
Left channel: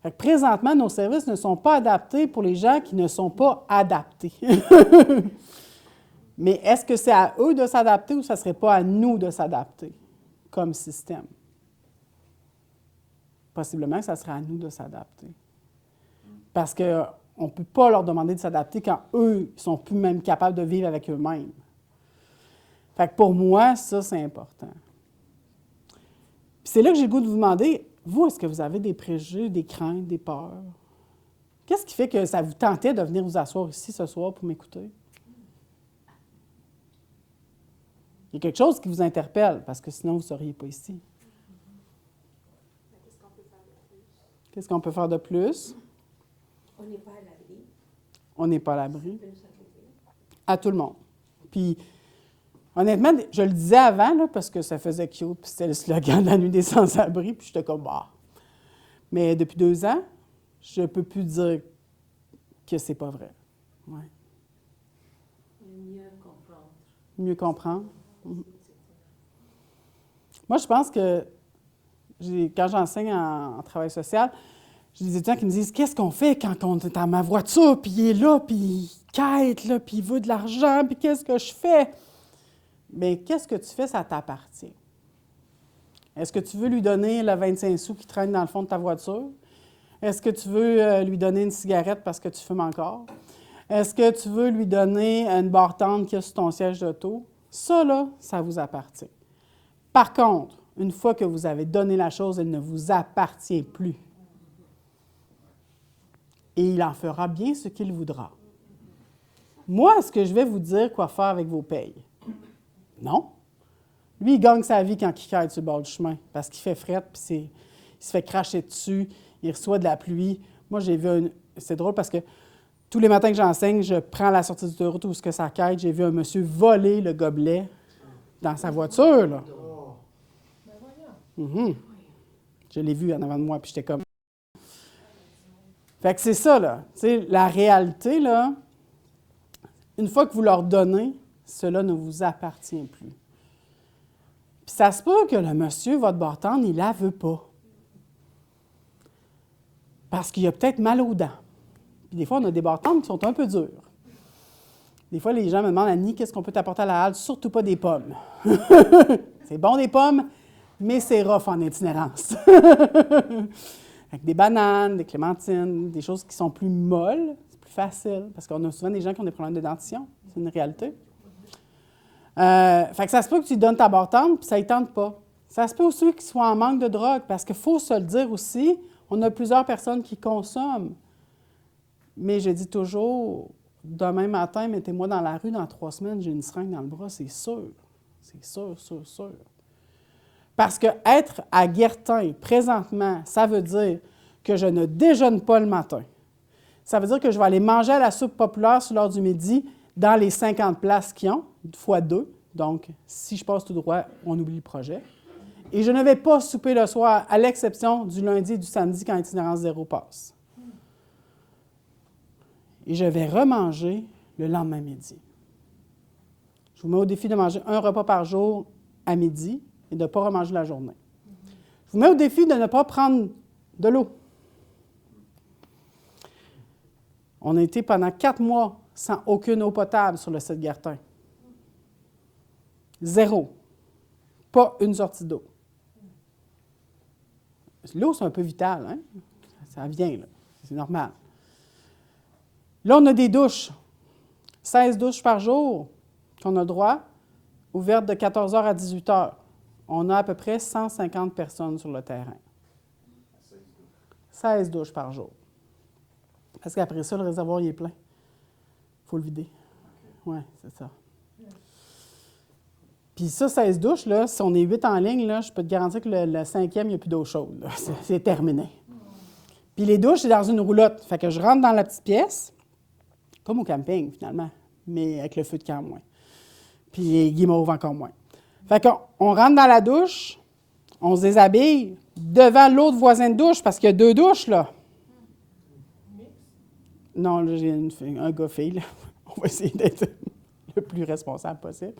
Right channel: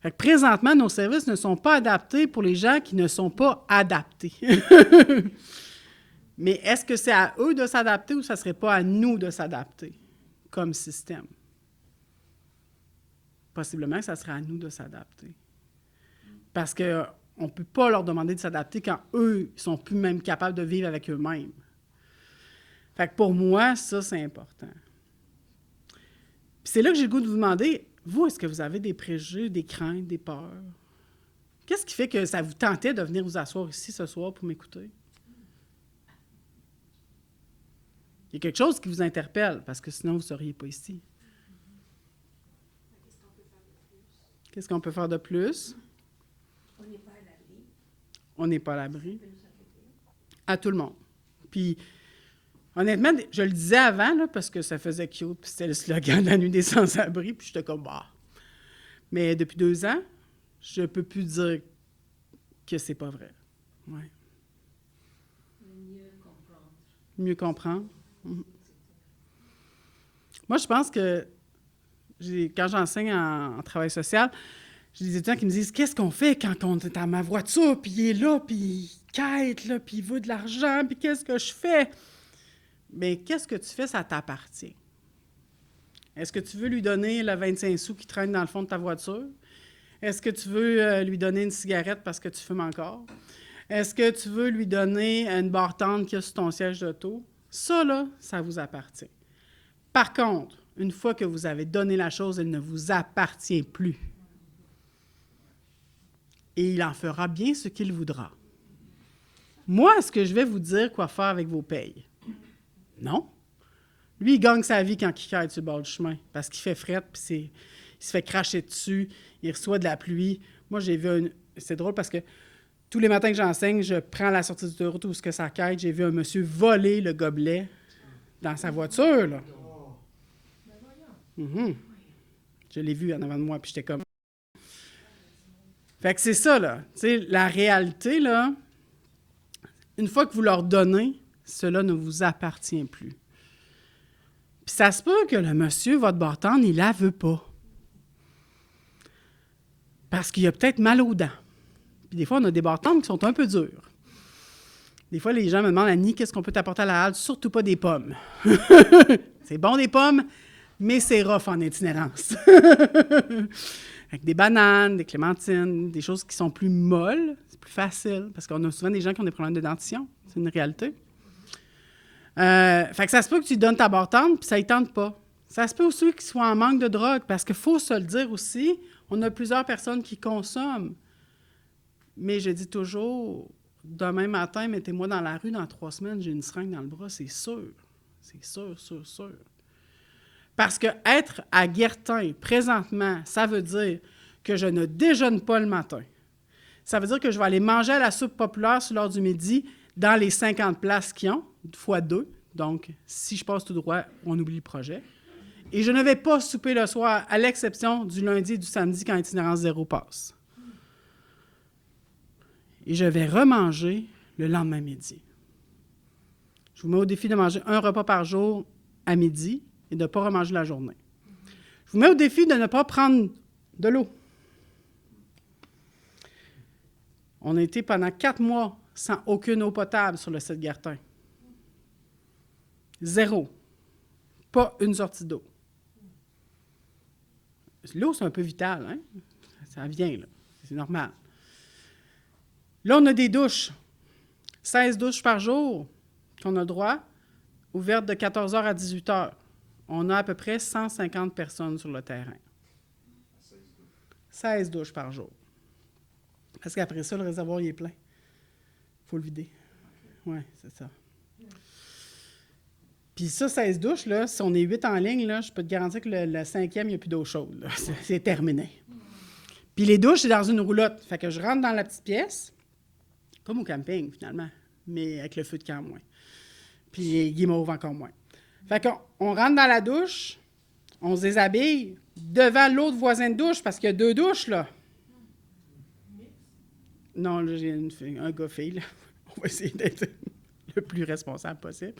Fait que présentement, nos services ne sont pas adaptés pour les gens qui ne sont pas adaptés. Mais est-ce que c'est à eux de s'adapter ou ça ne serait pas à nous de s'adapter comme système? Possiblement que ça serait à nous de s'adapter. Parce qu'on ne peut pas leur demander de s'adapter quand eux ne sont plus même capables de vivre avec eux-mêmes. Fait que pour moi, ça, c'est important. Puis c'est là que j'ai le goût de vous demander, vous, est-ce que vous avez des préjugés, des craintes, des peurs? Qu'est-ce qui fait que ça vous tentait de venir vous asseoir ici ce soir pour m'écouter? Il y a quelque chose qui vous interpelle, parce que sinon, vous ne seriez pas ici. Qu'est-ce qu'on peut faire de plus? On n'est pas à l'abri. On n'est pas à l'abri. À tout le monde. Puis, honnêtement, je le disais avant, là, parce que ça faisait cute, puis c'était le slogan de la nuit des sans-abri, puis j'étais comme, bah. Mais depuis 2 ans, je ne peux plus dire que c'est pas vrai. Ouais. Mieux comprendre. Mieux comprendre. Moi, je pense que quand j'enseigne en travail social, j'ai des étudiants qui me disent « Qu'est-ce qu'on fait quand on est dans ma voiture, puis il est là, puis il quête, là, puis il veut de l'argent, puis qu'est-ce que je fais? » Bien, qu'est-ce que tu fais, ça t'appartient. Est-ce que tu veux lui donner le 25 sous qui traîne dans le fond de ta voiture? Est-ce que tu veux lui donner une cigarette parce que tu fumes encore? Est-ce que tu veux lui donner une barre tendre qu'il y a sur ton siège d'auto? Ça, là, ça vous appartient. Par contre, une fois que vous avez donné la chose, elle ne vous appartient plus. Et il en fera bien ce qu'il voudra. Moi, est-ce que je vais vous dire quoi faire avec vos payes? Non. Lui, il gagne sa vie quand il caille sur le bord du chemin, parce qu'il fait fret, puis il se fait cracher dessus, il reçoit de la pluie. Moi, j'ai vu c'est drôle parce que tous les matins que j'enseigne, je prends la sortie de route où ce que ça caille. J'ai vu un monsieur voler le gobelet dans sa voiture, là. Je l'ai vu en avant de moi, puis j'étais comme... Fait que c'est ça, là. Tu sais, la réalité, là, une fois que vous leur donnez, cela ne vous appartient plus. Puis ça se peut que le monsieur, votre bartende, il la veut pas. Parce qu'il a peut-être mal aux dents. Puis des fois, on a des bartendes qui sont un peu dures. Des fois, les gens me demandent, Annie, qu'est-ce qu'on peut t'apporter à la halte? Surtout pas des pommes. C'est bon des pommes, mais c'est rough en itinérance. Avec des bananes, des clémentines, des choses qui sont plus molles, c'est plus facile, parce qu'on a souvent des gens qui ont des problèmes de dentition. C'est une réalité. Fait que ça se peut que tu donnes ta bartende, puis ça ne tente pas. Ça se peut aussi qu'ils soient en manque de drogue, parce qu'il faut se le dire aussi, on a plusieurs personnes qui consomment. Mais je dis toujours, demain matin, mettez-moi dans la rue, dans 3 semaines, j'ai une seringue dans le bras, c'est sûr. C'est sûr, sûr, sûr. Parce que être à Guertin, présentement, ça veut dire que je ne déjeune pas le matin. Ça veut dire que je vais aller manger à la soupe populaire sur l'heure du midi dans les 50 places qu'ils ont, fois 2. Donc, si je passe tout droit, on oublie le projet. Et je ne vais pas souper le soir, à l'exception du lundi et du samedi quand Itinérance Zéro passe. Et je vais remanger le lendemain midi. Je vous mets au défi de manger un repas par jour à midi et de ne pas remanger la journée. Je vous mets au défi de ne pas prendre de l'eau. On a été pendant 4 mois sans aucune eau potable sur le site Guertin. 0. Pas une sortie d'eau. L'eau, c'est un peu vital, hein? Ça vient, là. C'est normal. Là, on a des douches. 16 douches par jour qu'on a le droit, ouvertes de 14h à 18h. On a à peu près 150 personnes sur le terrain. 16 douches par jour. Parce qu'après ça, le réservoir, il est plein. Il faut le vider. Oui, c'est ça. Puis ça, 16 douches, là, si on est 8 en ligne, là, je peux te garantir que le 5e, il n'y a plus d'eau chaude. Là. C'est terminé. Puis les douches, c'est dans une roulotte. Fait que je rentre dans la petite pièce, comme au camping, finalement, mais avec le feu de camp moins. Puis les guimauves encore moins. Fait qu'on rentre dans la douche, on se déshabille devant l'autre voisin de douche, parce qu'il y a 2 douches, là. Non, là, j'ai un gars-fille, là. On va essayer d'être le plus responsable possible.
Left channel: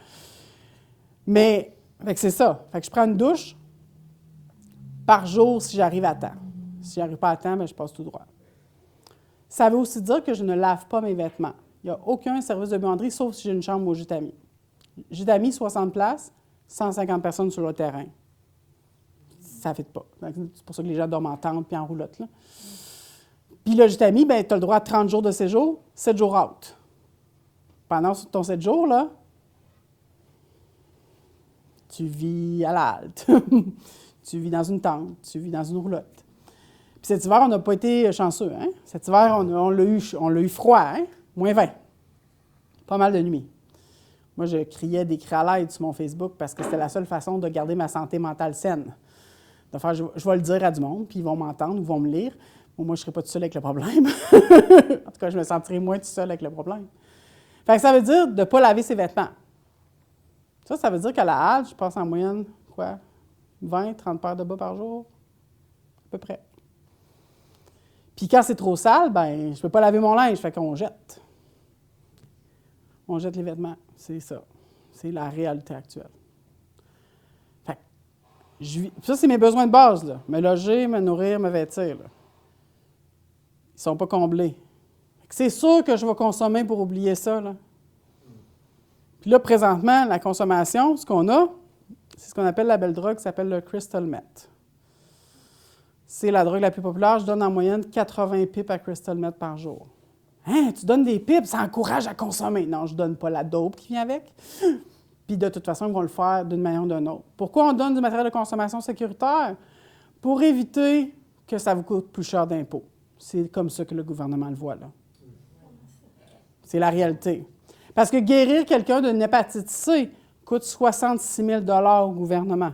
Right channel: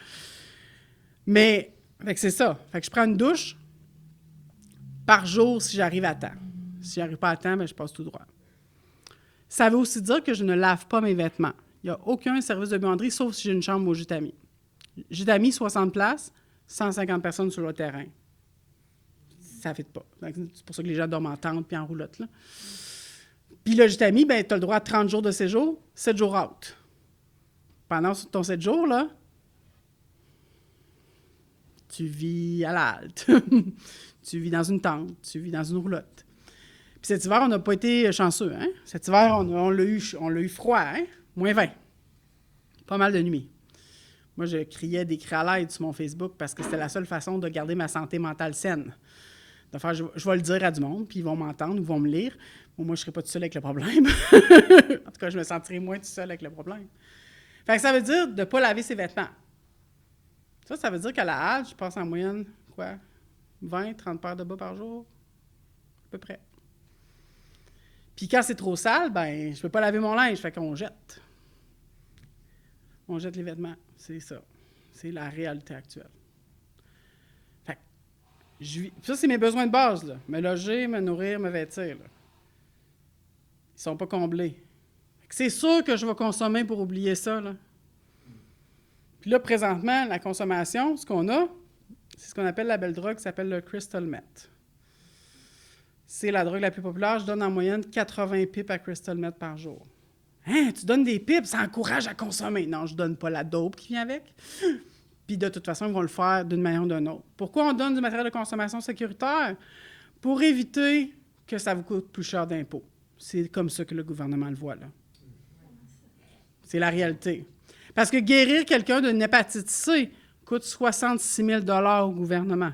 Mais, fait que c'est ça. Fait que je prends une douche par jour si j'arrive à temps. Si j'arrive pas à temps, bien, je passe tout droit. Ça veut aussi dire que je ne lave pas mes vêtements. Il n'y a aucun service de buanderie, sauf si j'ai une chambre au Jutami. Jutami, 60 places, 150 personnes sur le terrain. Ça ne fait pas. C'est pour ça que les gens dorment en tente puis en roulotte, là. Puis le Jutami, bien, tu as le droit à 30 jours de séjour, 7 jours out. Pendant ton 7 jours, là, tu vis à la halte. Tu vis dans une tente, tu vis dans une roulotte. Puis cet hiver, on n'a pas été chanceux, hein? Cet hiver, on l'a eu froid, hein? -20. Pas mal de nuits. Moi, je criais des cris à l'aide sur mon Facebook parce que c'était la seule façon de garder ma santé mentale saine. De faire, je vais le dire à du monde, puis ils vont m'entendre, ils vont me lire. Bon, moi, je ne serai pas tout seul avec le problème. En tout cas, je me sentirai moins tout seul avec le problème. Fait que ça veut dire de ne pas laver ses vêtements. Ça veut dire qu'à la halte, je passe en moyenne, 20, 30 paires de bas par jour, à peu près. Puis quand c'est trop sale, ben je ne peux pas laver mon linge, fait qu'on jette. On jette les vêtements, c'est ça. C'est la réalité actuelle. Fait que, ça, c'est mes besoins de base, là. Me loger, me nourrir, me vêtir, là. Ils ne sont pas comblés. C'est sûr que je vais consommer pour oublier ça, là. Puis là, présentement, la consommation, ce qu'on a, c'est ce qu'on appelle la belle drogue qui s'appelle le crystal meth. C'est la drogue la plus populaire. Je donne en moyenne 80 pipes à crystal meth par jour. Hein, tu donnes des pipes, ça encourage à consommer. Non, je ne donne pas la dope qui vient avec. Puis de toute façon, ils vont le faire d'une manière ou d'une autre. Pourquoi on donne du matériel de consommation sécuritaire? Pour éviter que ça vous coûte plus cher d'impôts. C'est comme ça que le gouvernement le voit, là. C'est la réalité. Parce que guérir quelqu'un d'une hépatite C coûte 66 000 $ au gouvernement.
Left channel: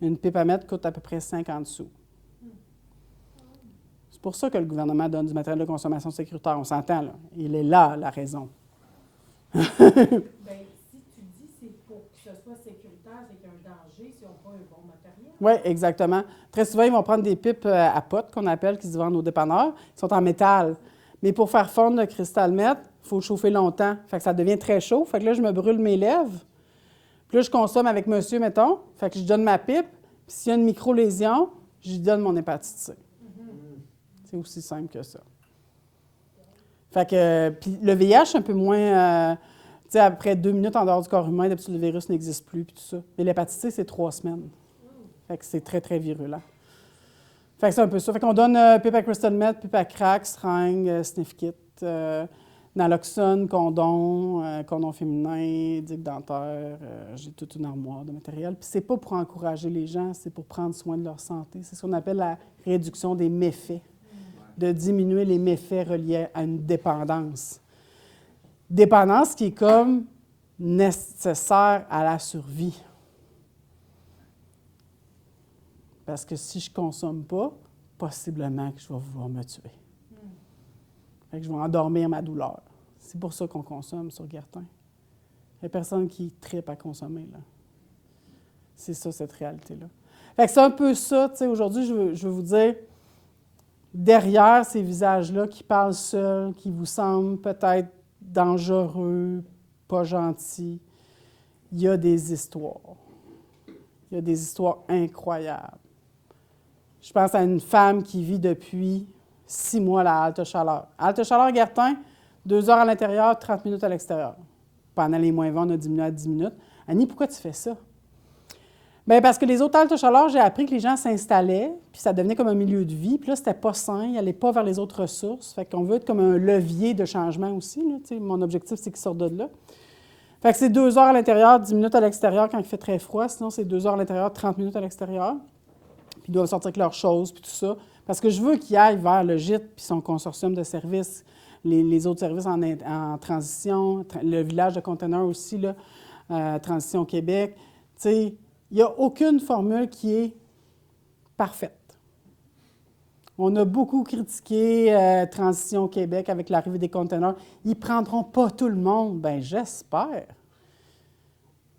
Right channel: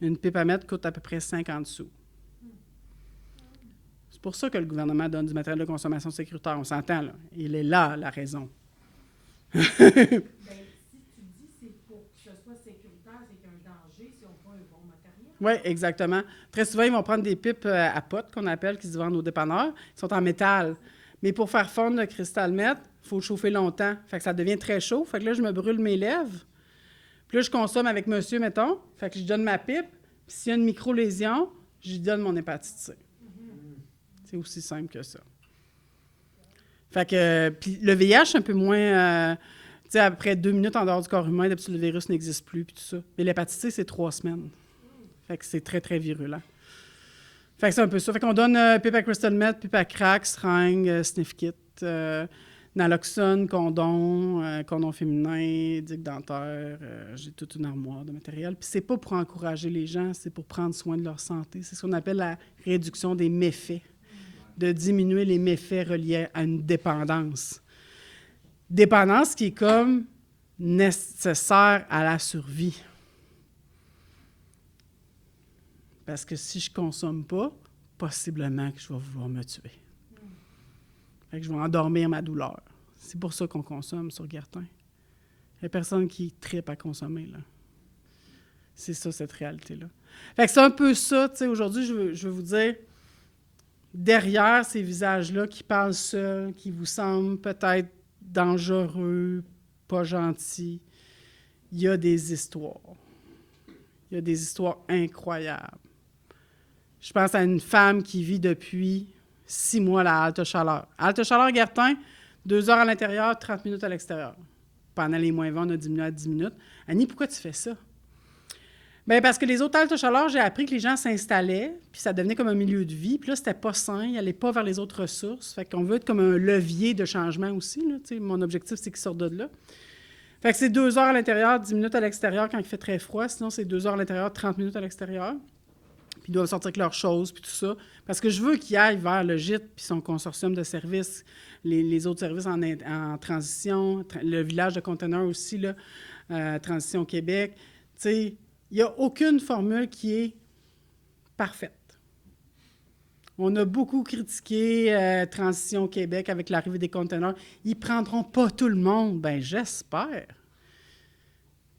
Une pipe à mettre coûte à peu près 50 sous. C'est pour ça que le gouvernement donne du matériel de consommation sécuritaire. On s'entend, là. Il est là, la raison. Bien, si tu dis c'est pour que ce soit sécuritaire, c'est qu'il y a un danger si on prend un bon matériel. Oui, exactement. Très souvent, ils vont prendre des pipes à potes, qu'on appelle, qui se vendent aux dépanneurs. Ils sont en métal. Mais pour faire fondre le cristal meth, il faut chauffer longtemps. Fait que ça devient très chaud. Fait que là, je me brûle mes lèvres. Puis là, je consomme avec monsieur, mettons. Fait que je donne ma pipe. Puis s'il y a une micro-lésion, je lui donne mon hépatite C. C'est aussi simple que ça. Fait que, puis le VIH, c'est un peu moins... tu sais, après 2 minutes en dehors du corps humain, d'habitude, le virus n'existe plus, puis tout ça. Mais l'hépatite C, c'est 3 semaines. Fait que c'est très, très virulent. Fait que c'est un peu ça. Fait qu'on donne pipe à crystal meth, pipe à crack, seringue, sniff kit, naloxone, condom, condom féminin, dick dentaire. J'ai toute une armoire de matériel. Puis c'est pas pour encourager les gens, c'est pour prendre soin de leur santé. C'est ce qu'on appelle la réduction des méfaits, de diminuer les méfaits reliés à une dépendance. Dépendance qui est comme nécessaire à la survie. Parce que si je ne consomme pas, possiblement que je vais vouloir me tuer. Fait que je vais endormir ma douleur. C'est pour ça qu'on consomme sur Guertin. Il n'y a personne qui trippe à consommer, là. C'est ça, cette réalité-là. Fait que c'est un peu ça, tu sais, aujourd'hui, je veux vous dire, derrière ces visages-là qui parlent seuls, qui vous semblent peut-être dangereux, pas gentils, il y a des histoires. Il y a des histoires incroyables. Je pense à une femme qui vit depuis 6 mois à la halte chaleur. Halte chaleur Guertin, 2 heures à l'intérieur, 30 minutes à l'extérieur. Pendant les moins 20, on a diminué à 10 minutes. Annie, pourquoi tu fais ça? Bien, parce que les autres haltes chaleur, j'ai appris que les gens s'installaient, puis ça devenait comme un milieu de vie. Puis là, c'était pas sain, ils n'allaient pas vers les autres ressources. Fait qu'on veut être comme un levier de changement aussi, là. Tu sais, mon objectif, c'est qu'ils sortent de là. Fait que c'est 2 heures à l'intérieur, 10 minutes à l'extérieur quand il fait très froid. Sinon, c'est 2 heures à l'intérieur, 30 minutes à l'extérieur. Puis ils doivent sortir avec leurs choses, puis tout ça. Parce que je veux qu'ils aillent vers le gîte, puis son consortium de services, les autres services en transition, le village de conteneurs aussi, là, Transition Québec. Tu sais, il n'y a aucune formule qui est parfaite. On a beaucoup critiqué Transition Québec avec l'arrivée des conteneurs. Ils ne prendront pas tout le monde. Bien, j'espère.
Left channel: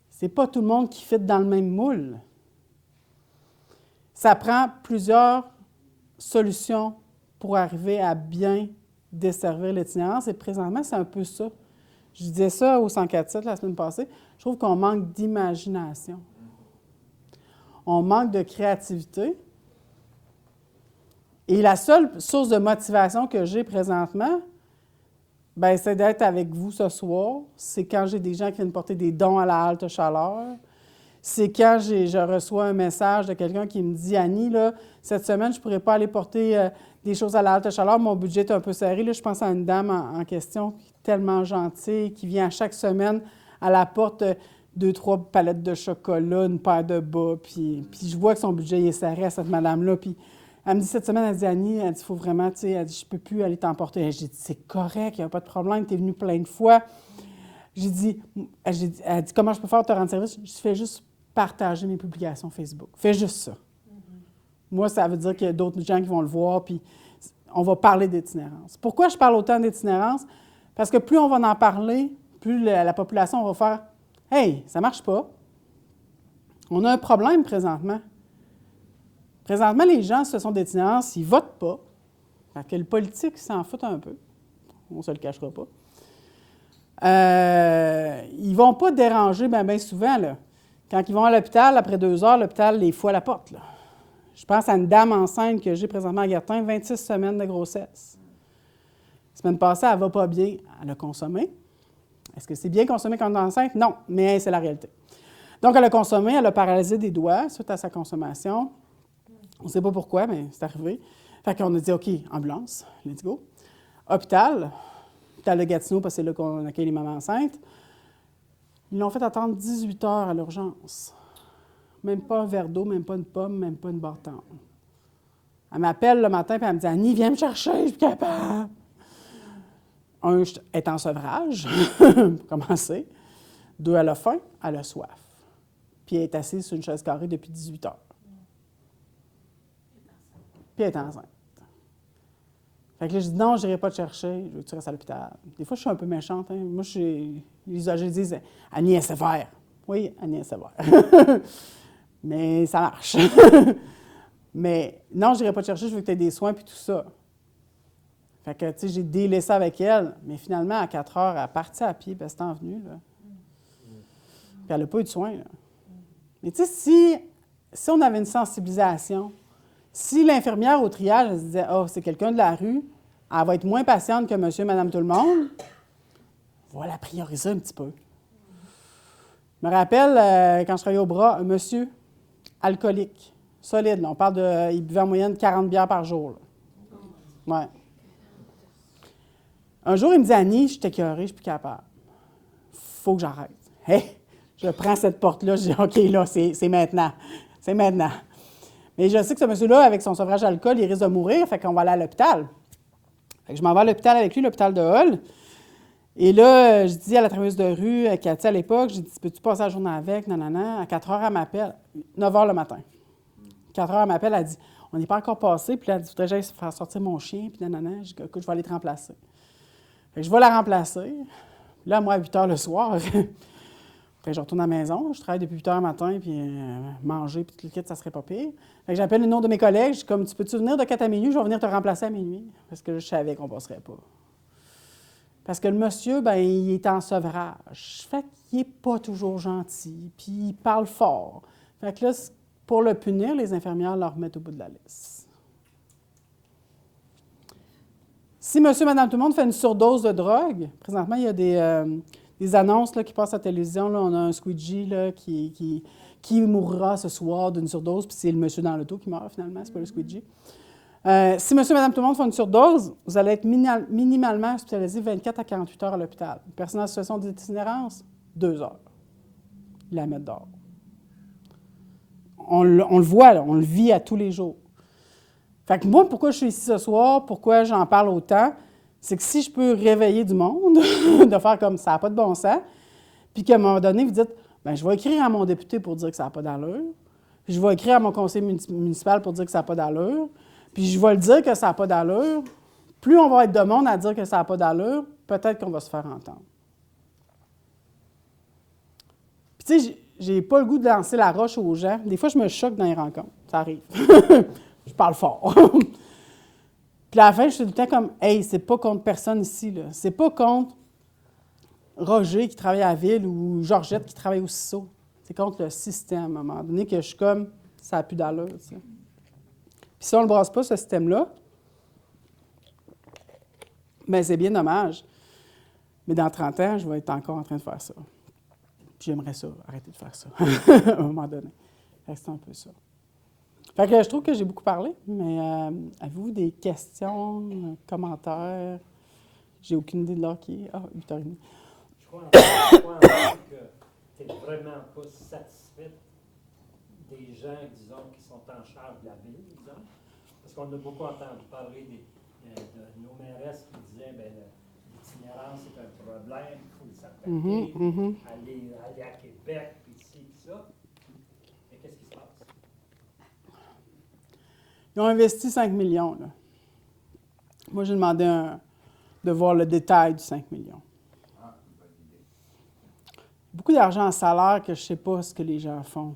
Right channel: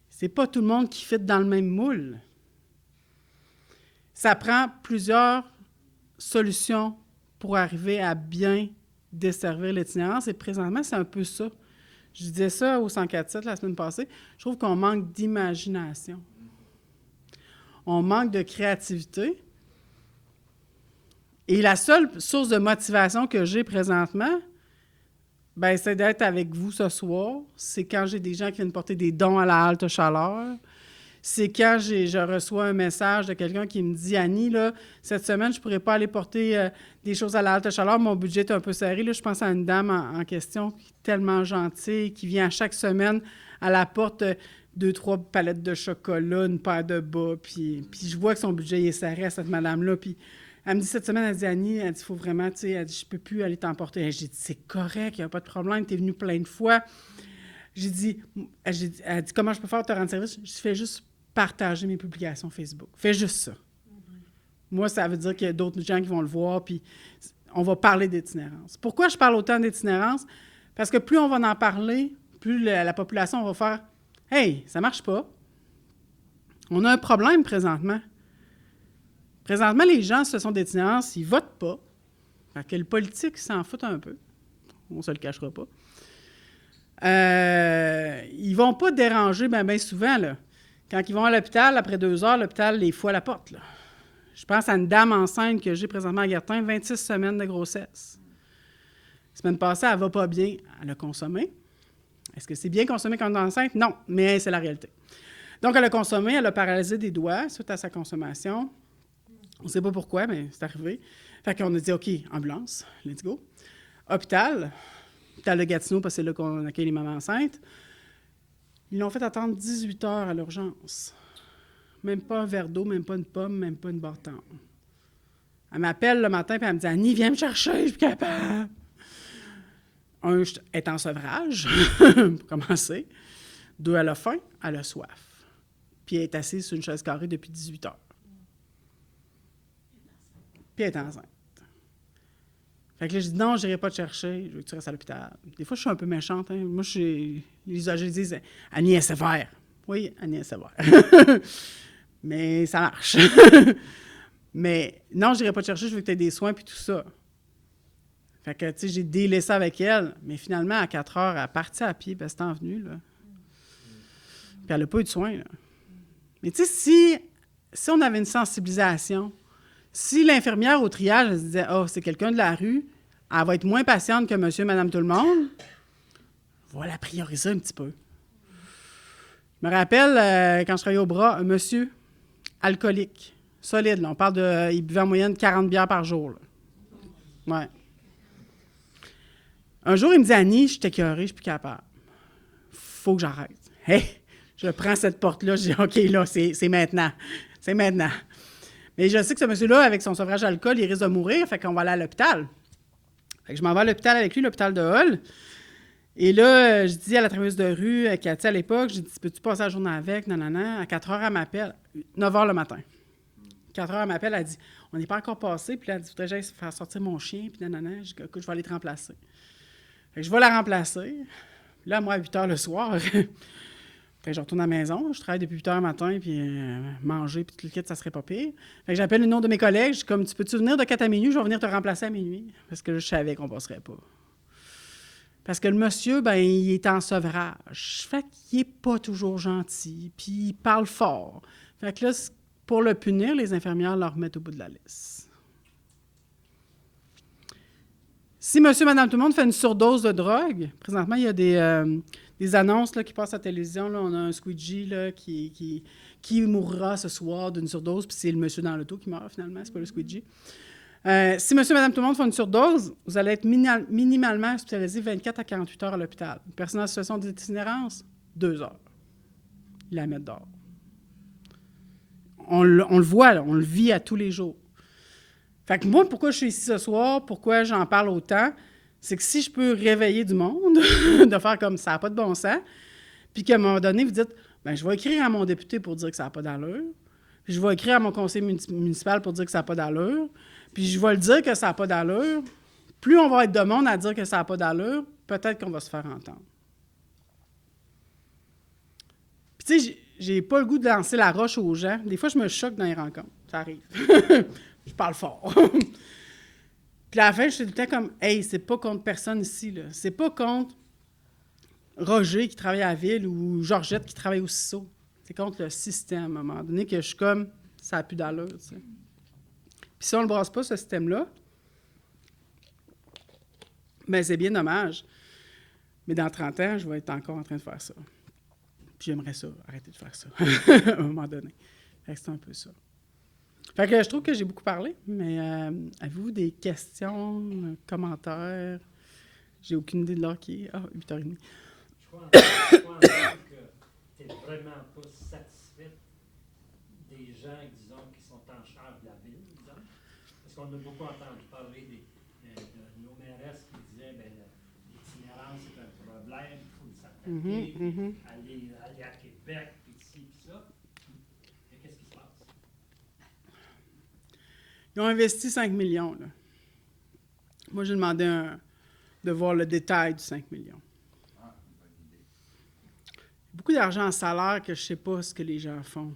C'est pas tout le monde qui fit dans le même moule. Ça prend plusieurs solutions pour arriver à bien desservir l'itinérance. Et présentement, c'est un peu ça. Je disais ça au 104.7 la semaine passée. Je trouve qu'on manque d'imagination. On manque de créativité. Et la seule source de motivation que j'ai présentement, bien, c'est d'être avec vous ce soir. C'est quand j'ai des gens qui viennent porter des dons à la halte chaleur. C'est quand je reçois un message de quelqu'un qui me dit « Annie, là, cette semaine, je ne pourrais pas aller porter des choses à la halte chaleur, mon budget est un peu serré. » Là, je pense à une dame en question qui est tellement gentille, qui vient chaque semaine à la porte 2-3 palettes de chocolat, une paire de bas, puis je vois que son budget est serré à cette madame-là. Puis elle me dit cette semaine, elle dit « Annie, elle dit, il faut vraiment, tu sais, elle dit, je ne peux plus aller t'emporter. » J'ai dit « C'est correct, il n'y a pas de problème, tu es venue plein de fois. » Elle dit « Comment je peux faire te rendre service? » Je fais juste partager mes publications Facebook. Fais juste ça. Moi, ça veut dire qu'il y a d'autres gens qui vont le voir, puis on va parler d'itinérance. Pourquoi je parle autant d'itinérance? Parce que plus on va en parler, plus la population va faire « Hey, ça ne marche pas. On a un problème présentement. » Présentement, les gens, ce sont d'itinérance, ils ne votent pas. Fait que le politique s'en fout un peu. On ne se le cachera pas. Ils ne vont pas déranger bien souvent, là. Quand ils vont à l'hôpital, après 2 heures, l'hôpital les fout à la porte, là. Je pense à une dame enceinte que j'ai présentement à Guertin, 26 semaines de grossesse. La semaine passée, elle ne va pas bien. Elle a consommé. Est-ce que c'est bien consommé quand on est enceinte? Non, mais c'est la réalité. Donc, elle a consommé, elle a paralysé des doigts suite à sa consommation. On ne sait pas pourquoi, mais c'est arrivé. Fait qu'on a dit, OK, ambulance, let's go. Hôpital de Gatineau, parce que c'est là qu'on accueille les mamans enceintes. Ils l'ont fait attendre 18 heures à l'urgence. Même pas un verre d'eau, même pas une pomme, même pas une bâton. Elle m'appelle le matin et elle me dit « Annie, viens me chercher, je suis capable. » Un, elle est en sevrage, pour commencer. 2, elle a faim, elle a soif. Puis elle est assise sur une chaise carrée depuis 18 heures. Puis elle est enceinte. Fait que là, je dis non, je n'irai pas te chercher, je veux que tu restes à l'hôpital. Des fois, je suis un peu méchante. Hein. Moi, les âgés disent Annie est sévère. Oui, Annie est sévère. Mais ça marche. Mais non, je n'irai pas te chercher, je veux que tu aies des soins puis tout ça. Fait que, tu sais, j'ai délaissé avec elle. Mais finalement, à 4 heures, elle est partie à pied, puis elle s'est envenue, là. Puis elle n'a pas eu de soins, là. Mais tu sais, si on avait une sensibilisation, si l'infirmière au triage elle se disait « Oh, c'est quelqu'un de la rue », elle va être moins patiente que monsieur, madame, tout le monde. On va la prioriser un petit peu. Je me rappelle, quand je travaillais au bras, un monsieur alcoolique, solide. Là, on parle il buvait en moyenne 40 bières par jour. Là. Ouais. Un jour, il me dit « Annie, je suis écœurée, je ne suis plus capable. Faut que j'arrête. » Hey, je prends cette porte-là, je dis « OK, là, c'est maintenant. C'est maintenant. » Mais je sais que ce monsieur-là, avec son sevrage d'alcool, il risque de mourir, fait qu'on va aller à l'hôpital. Fait que je m'en vais à l'hôpital avec lui, l'hôpital de Hull. Et là, je dis à la travailleuse de rue, Cathy, à l'époque, je dis « Peux-tu passer la journée avec? » Nanana. À 4 heures, elle m'appelle. 9 heures le matin. 4 heures, elle m'appelle, elle dit « On n'est pas encore passé. » Puis là, elle dit « Faudrait que j'aille faire sortir mon chien. » Puis nanana. Je dis « Écoute, je vais aller te remplacer. » Fait que je vais la remplacer. Puis là, moi, à 8 heures le soir, après, je retourne à la maison. Je travaille depuis 8 heures le matin, puis manger, puis tout le kit, ça serait pas pire. Fait que j'appelle le nom de mes collègues. Je dis comme, tu peux-tu venir de 4 à minuit? Je vais venir te remplacer à minuit. Parce que je savais qu'on ne passerait pas. Parce que le monsieur, ben il est en sevrage. Fait qu'il n'est pas toujours gentil, puis il parle fort. Fait que là, pour le punir, les infirmières le remettent au bout de la liste. Si monsieur, madame, tout le monde fait une surdose de drogue, présentement, il y a des annonces là, qui passent à la télévision. Là, on a un squeegee là, qui mourra ce soir d'une surdose, puis c'est le monsieur dans l'auto qui meurt finalement, c'est pas le squeegee. Si monsieur, madame, tout le monde font une surdose, vous allez être minimalement hospitalisé 24 à 48 heures à l'hôpital. Une personne en situation d'itinérance, 2 heures. Ils la mettent dehors. On le voit, là, on le vit à tous les jours. Fait que moi, pourquoi je suis ici ce soir, pourquoi j'en parle autant, c'est que si je peux réveiller du monde, de faire comme ça n'a pas de bon sens, puis qu'à un moment donné, vous dites, bien, je vais écrire à mon député pour dire que ça n'a pas d'allure, je vais écrire à mon conseil municipal pour dire que ça n'a pas d'allure, puis je vais le dire que ça n'a pas d'allure, plus on va être de monde à dire que ça n'a pas d'allure, peut-être qu'on va se faire entendre. Puis tu sais, j'ai pas le goût de lancer la roche aux gens. Des fois, je me choque dans les rencontres. Ça arrive. Je parle fort. Puis à la fin, je suis tout le temps comme, « Hey, c'est pas contre personne ici, là. C'est pas contre Roger qui travaille à la ville ou Georgette qui travaille au CISO. C'est contre le système, à un moment donné, que je suis comme, ça n'a plus d'allure, tu sais. Puis si on ne le brasse pas, ce système-là, bien, c'est bien dommage. Mais dans 30 ans, je vais être encore en train de faire ça. Puis j'aimerais ça, arrêter de faire ça, à un moment donné. Fait que c'est un peu ça. Fait que je trouve que j'ai beaucoup parlé, mais avez-vous des questions, commentaires? J'ai aucune idée de l'heure qui est. Ah, 8h30. Je crois en fait que tu n'es vraiment pas satisfaite des gens, disons, qui sont en charge de la ville, disons. Parce qu'on a beaucoup entendu parler de nos mairesses qui disaient bien, l'itinérance est un problème, il faut s'attaquer, aller à Québec, puis ici, puis ça. Mais qu'est-ce qui se passe? Ils ont investi 5 millions. Là. Moi, j'ai demandé de voir le détail du 5 millions. Beaucoup d'argent en salaire que je ne sais pas ce que les gens font.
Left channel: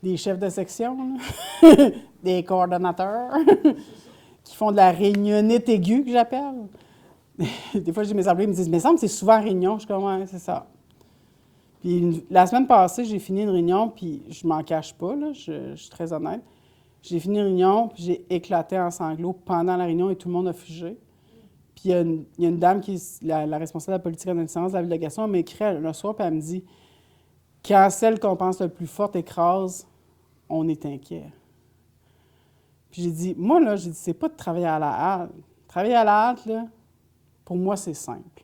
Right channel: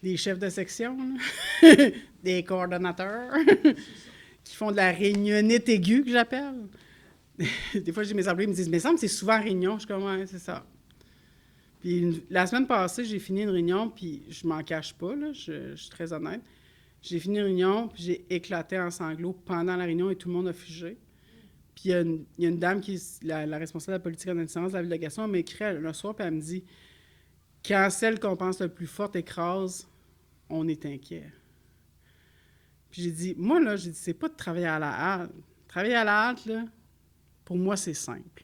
Des chefs de section, là. Des coordonnateurs qui font de la réunionnite aiguë, que j'appelle. Des fois, j'ai mes employés me disent « Mais ça me semble que c'est souvent réunion. » Je suis comme « Ouais, c'est ça. » Puis la semaine passée, j'ai fini une réunion, puis je m'en cache pas, là, je suis très honnête. J'ai fini une réunion, puis j'ai éclaté en sanglots pendant la réunion et tout le monde a figé. Puis il y a une dame qui est la responsable de la politique en incidence de la délégation, elle m'écrit le soir, puis elle me dit « Quand celle qu'on pense le plus forte écrase, on est inquiet. » Puis j'ai dit « Moi, là, c'est pas de travailler à la hâte. Travailler à la hâte, là, pour moi, c'est simple.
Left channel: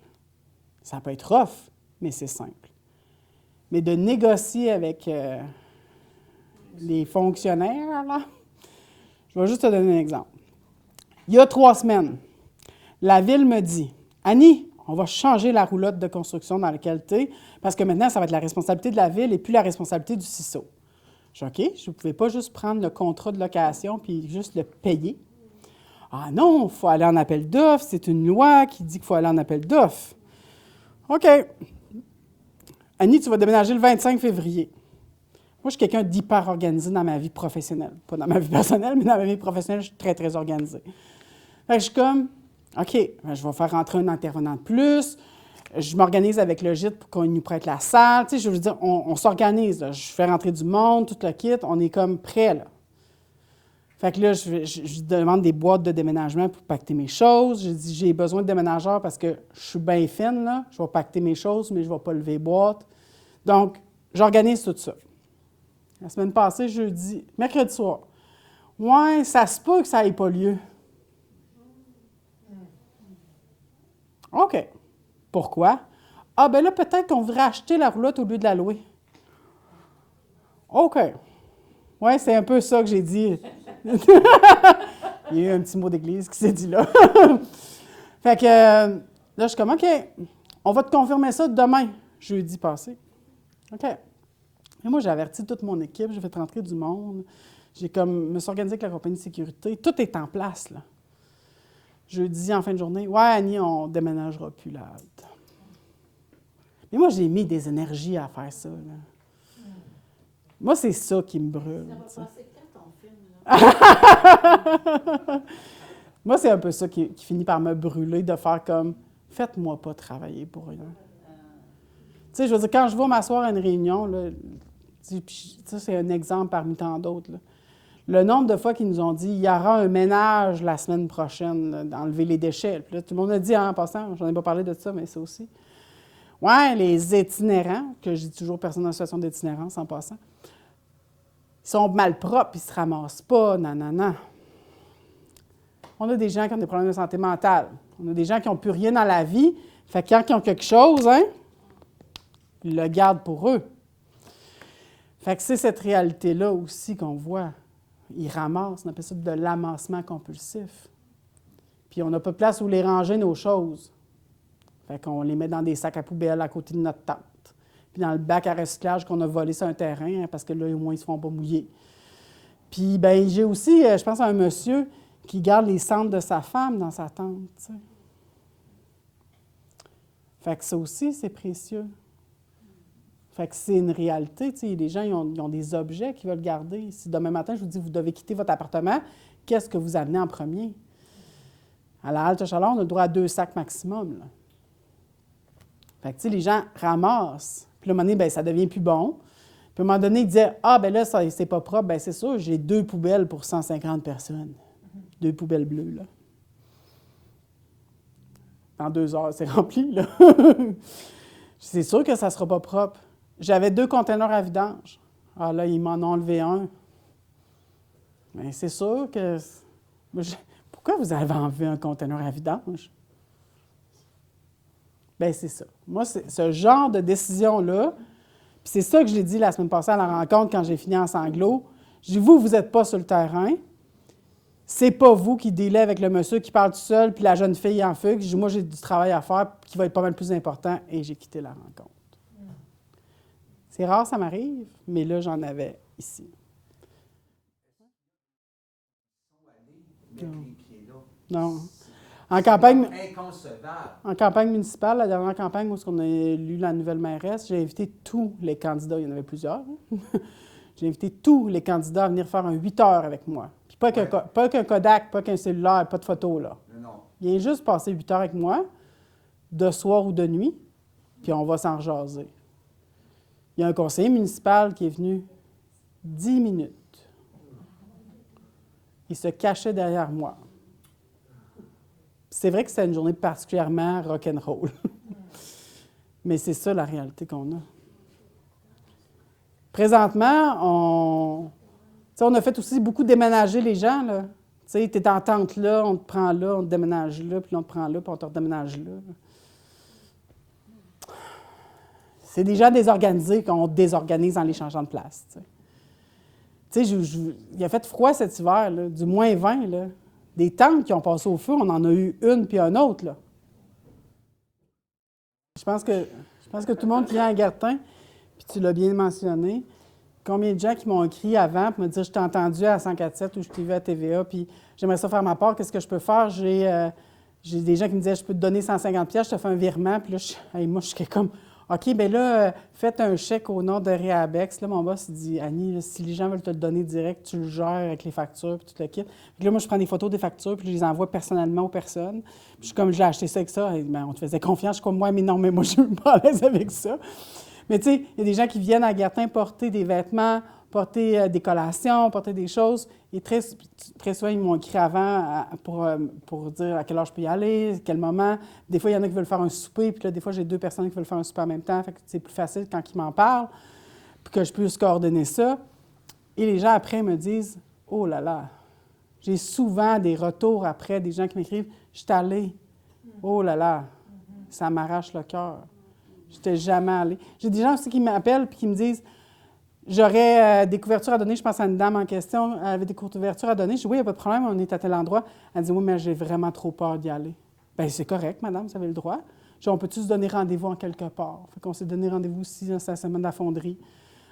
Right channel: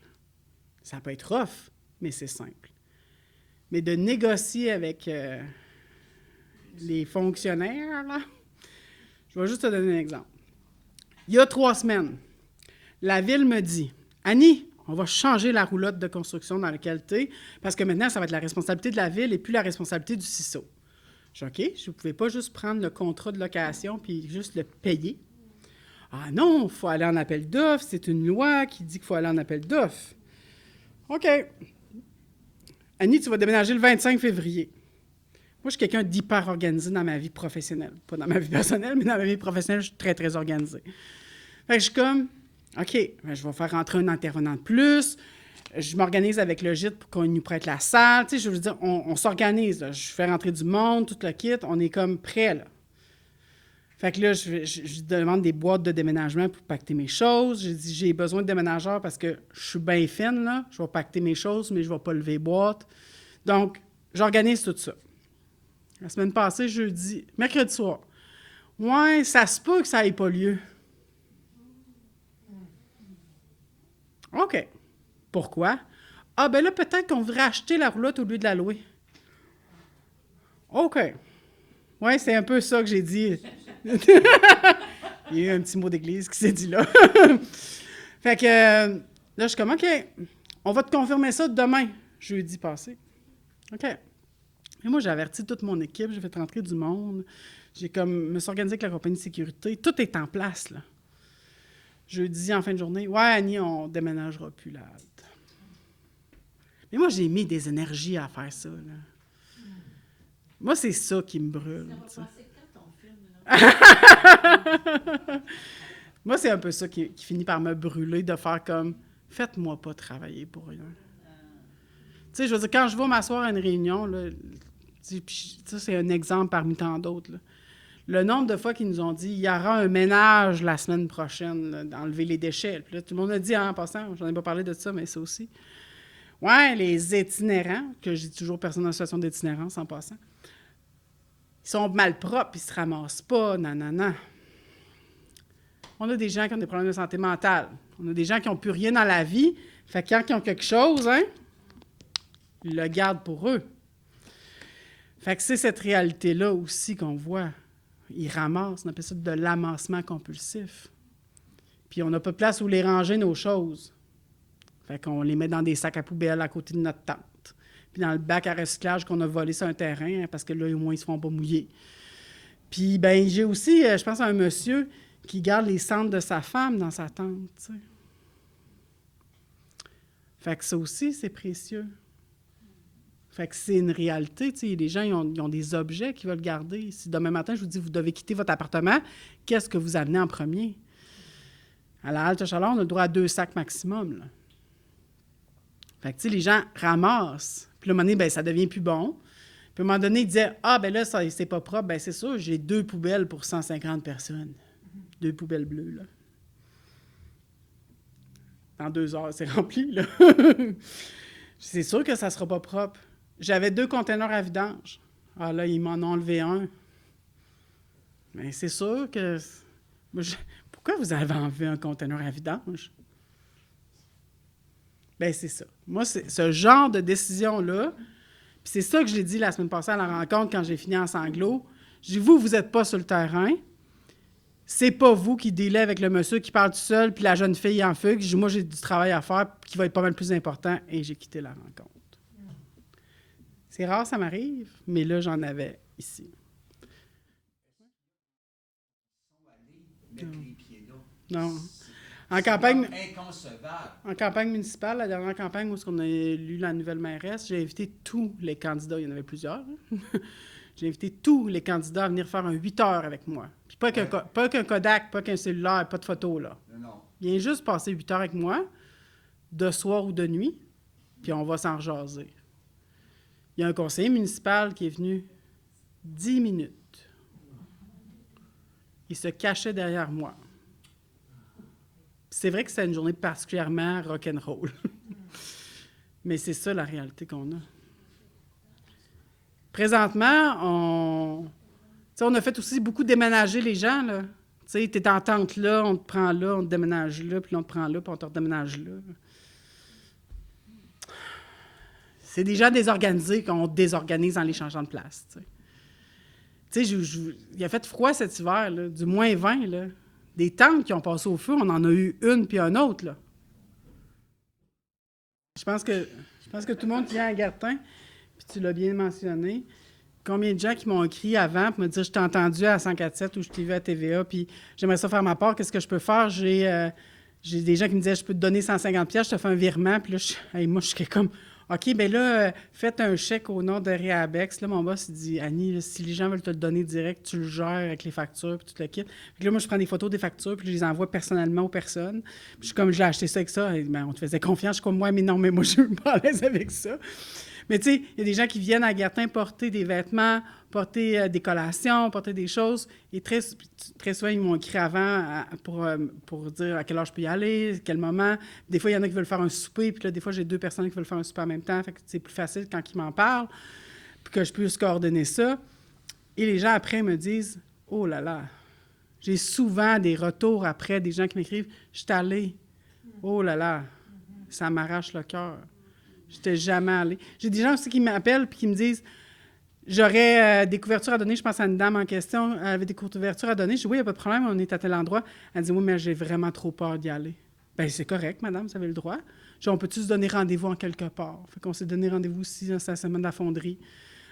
Ça peut être rough, mais c'est simple. Mais de négocier avec les fonctionnaires, là, je vais juste te donner un exemple. Il y a 3 semaines, la ville me dit « Annie, on va changer la roulotte de construction dans laquelle tu es, parce que maintenant, ça va être la responsabilité de la ville et plus la responsabilité du CISO. » Je dis « OK, je ne pouvais pas juste prendre le contrat de location puis juste le payer. » « Ah non, il faut aller en appel d'offres, c'est une loi qui dit qu'il faut aller en appel d'offres. » « OK. Annie, tu vas déménager le 25 février. » Moi, je suis quelqu'un d'hyper organisé dans ma vie professionnelle. Pas dans ma vie personnelle, mais dans ma vie professionnelle, je suis très, très organisé. Fait que je suis comme, OK, ben, je vais faire rentrer un intervenant de plus. Je m'organise avec le gîte pour qu'on nous prête la salle. Tu sais, je veux dire, on s'organise. Là. Je fais rentrer du monde, tout le kit. On est comme prêt, là. Fait que là, je demande des boîtes de déménagement pour pacter mes choses. Je dis, j'ai besoin de déménageurs parce que je suis bien fine, là. Je vais pacter mes choses, mais je ne vais pas lever les boîtes. Donc, j'organise tout ça. La semaine passée, mercredi soir. Ouais, ça se peut que ça n'ait pas lieu. OK. Pourquoi? Ah, ben là, peut-être qu'on voudrait acheter la roulotte au lieu de la louer. OK. Oui, c'est un peu ça que j'ai dit. Il y a eu un petit mot d'église qui s'est dit là. Fait que là, je suis comme, OK, on va te confirmer ça demain, jeudi passé. OK. Et moi, j'ai averti toute mon équipe, j'ai fait rentrer du monde. Me suis organisé avec la compagnie de sécurité. Tout est en place, là. Jeudi, en fin de journée, « Ouais, Annie, on ne déménagera plus la halte. » Mais moi, j'ai mis des énergies à faire ça, là. Moi, c'est ça qui me brûle. Ça va passer quand ton film, là? Moi, c'est un peu ça qui finit par me brûler, de faire comme « Faites-moi pas travailler pour rien. » Tu sais, je veux dire, quand je vais m'asseoir à une réunion, là, ça, c'est un exemple parmi tant d'autres, là. Le nombre de fois qu'ils nous ont dit « Il y aura un ménage la semaine prochaine, là, d'enlever les déchets. » Puis là, tout le monde a dit, en passant, j'en ai pas parlé de ça, mais ça aussi. Ouais, les itinérants, que je dis toujours personne en situation d'itinérance en passant, ils sont mal propres, ils se ramassent pas, non. On a des gens qui ont des problèmes de santé mentale. On a des gens qui n'ont plus rien dans la vie. Fait que quand ils ont quelque chose, hein, ils le gardent pour eux. Fait que c'est cette réalité-là aussi qu'on voit. Ils ramassent, on appelle ça de l'amassement compulsif. Puis on n'a pas de place où les ranger, nos choses. Fait qu'on les met dans des sacs à poubelle à côté de notre tente. Puis dans le bac à recyclage qu'on a volé sur un terrain, hein, parce que là, au moins, ils ne se font pas mouiller. Puis, bien, j'ai aussi, je pense à un monsieur qui garde les cendres de sa femme dans sa tente, tu sais. Fait que ça aussi, c'est précieux. Fait que c'est une réalité, tu sais. Les gens, ils ont des objets qu'ils veulent garder. Si demain matin, je vous dis, vous devez quitter votre appartement, qu'est-ce que vous amenez en premier? À la halte chaleur, on a le droit à 2 sacs maximum, là. Fait que, tu sais, les gens ramassent. Puis, à un moment donné, bien, ça devient plus bon. Puis, à un moment donné, ils disaient, ah, bien là, ça, c'est pas propre. Bien, c'est sûr, j'ai 2 poubelles pour 150 personnes. 2 poubelles bleues, là. En 2 heures, c'est rempli, là. C'est sûr que ça ne sera pas propre. J'avais 2 conteneurs à vidange. Ah, là, ils m'en ont enlevé un. Bien, c'est sûr que... Pourquoi vous avez enlevé un conteneur à vidange? Bien, c'est ça. Moi, c'est ce genre de décision-là, puis c'est ça que je l'ai dit la semaine passée à la rencontre quand j'ai fini en sanglots. J'ai dit, vous n'êtes pas sur le terrain. C'est pas vous qui dealez avec le monsieur qui parle tout seul, puis la jeune fille en fugue. J'ai dit, moi, j'ai du travail à faire qui va être pas mal plus important, et j'ai quitté la rencontre. C'est rare, ça m'arrive, mais là, j'en avais ici. Mettre les pieds là. Non. En campagne, Inconcevable. en campagne municipale, la dernière campagne où on a élu la nouvelle mairesse, j'ai invité tous les candidats, il y en avait plusieurs, hein. J'ai invité tous les candidats à venir faire un 8 heures avec moi. Puis pas qu'un Kodak, pas qu'un cellulaire, pas de photo, là. Non. Viens juste passer 8 heures avec moi, de soir ou de nuit, puis on va s'en rejaser. Il y a un conseiller municipal qui est venu 10 minutes. Il se cachait derrière moi. C'est vrai que c'était une journée particulièrement rock'n'roll. Mais c'est ça la réalité qu'on a. Présentement, on a fait aussi beaucoup déménager les gens, là. Tu sais, tu es en tente là, on te prend là, on te déménage là, puis là, on te prend là, puis on te redéménage là. c'est des gens désorganisés qu'on désorganise en les changeant de place. Tu sais, il a fait froid cet hiver, là, du -20, là. Des tentes qui ont passé au feu, on en a eu une puis un autre, là. Je pense que tout le monde qui vient à Gartin, puis tu l'as bien mentionné, combien de gens qui m'ont écrit avant pour me dire « Je t'ai entendu à 104.7 ou je t'ai vu à TVA, puis j'aimerais ça faire ma part, qu'est-ce que je peux faire? » J'ai des gens qui me disaient « Je peux te donner 150$, je te fais un virement. » Puis là, moi, je suis comme « OK, bien là, faites un chèque au nom de Réabex. » Là, mon boss, il dit « Annie, là, si les gens veulent te le donner direct, tu le gères avec les factures, puis tu te le quittes. » Puis là, moi, je prends des photos des factures, puis je les envoie personnellement aux personnes. Puis je suis comme « Je l'ai acheté ça avec ça. » Bien, on te faisait confiance. Je suis comme « Ouais, mais non, mais moi, je suis pas à l'aise avec ça. » Mais tu sais, il y a des gens qui viennent à Gartin porter des vêtements, porter des collations, porter des choses. Et très souvent, ils m'ont écrit avant pour dire à quelle heure je peux y aller, à quel moment. Des fois, il y en a qui veulent faire un souper, puis là, des fois, j'ai 2 personnes qui veulent faire un souper en même temps. Fait que c'est plus facile quand ils m'en parlent, puis que je puisse coordonner ça. Et les gens, après, me disent « Oh là là! » J'ai souvent des retours après, des gens qui m'écrivent « Je suis allée. Oh là là! Ça m'arrache le cœur. Je n'étais jamais allée. » J'ai des gens aussi qui m'appellent et qui me disent « J'aurais des couvertures à donner. » Je pense à une dame en question, elle avait des couvertures à donner. Je dis « Oui, il n'y a pas de problème, on est à tel endroit. » Elle dit « Oui, mais j'ai vraiment trop peur d'y aller. » Bien, c'est correct, madame, vous avez le droit. Je dis « On peut-tu se donner rendez-vous en quelque part? » Fait qu'on s'est donné rendez-vous aussi dans la semaine de la fonderie.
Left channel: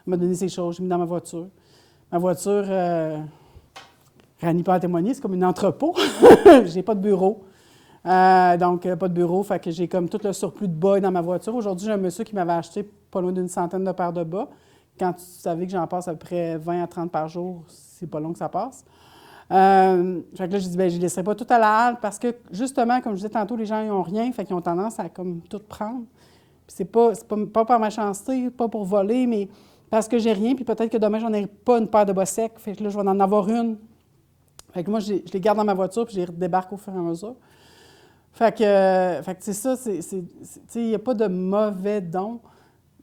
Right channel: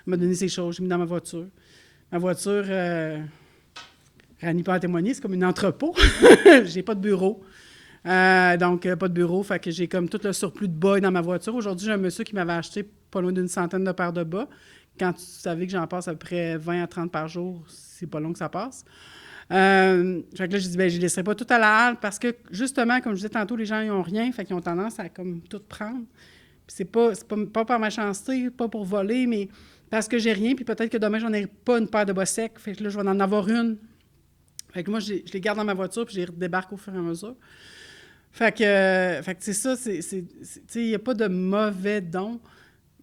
Elle m'a donné ses choses, j'ai mis dans ma voiture. Ma voiture, Rani peut en témoigner, c'est comme un entrepôt. J'ai pas de bureau. Donc, pas de bureau, fait que j'ai comme tout le surplus de bas dans ma voiture. Aujourd'hui, j'ai un monsieur qui m'avait acheté pas loin d'une centaine de paires de bas. Quand tu savais que j'en passe à peu près 20 à 30 par jour, c'est pas long que ça passe. Fait que là, j'ai dit, bien, je ne laisserai pas tout à la halle parce que, justement, comme je disais tantôt, les gens, ils n'ont rien, fait qu'ils ont tendance à comme tout prendre. Puis c'est pas par méchanceté, pas pour voler, mais parce que j'ai rien, puis peut-être que demain, j'en ai pas une paire de bas secs. Fait que là, je vais en avoir une. Fait que moi, je les garde dans ma voiture, puis je les débarque au fur et à mesure. Fait que c'est ça, il n'y a pas de mauvais don.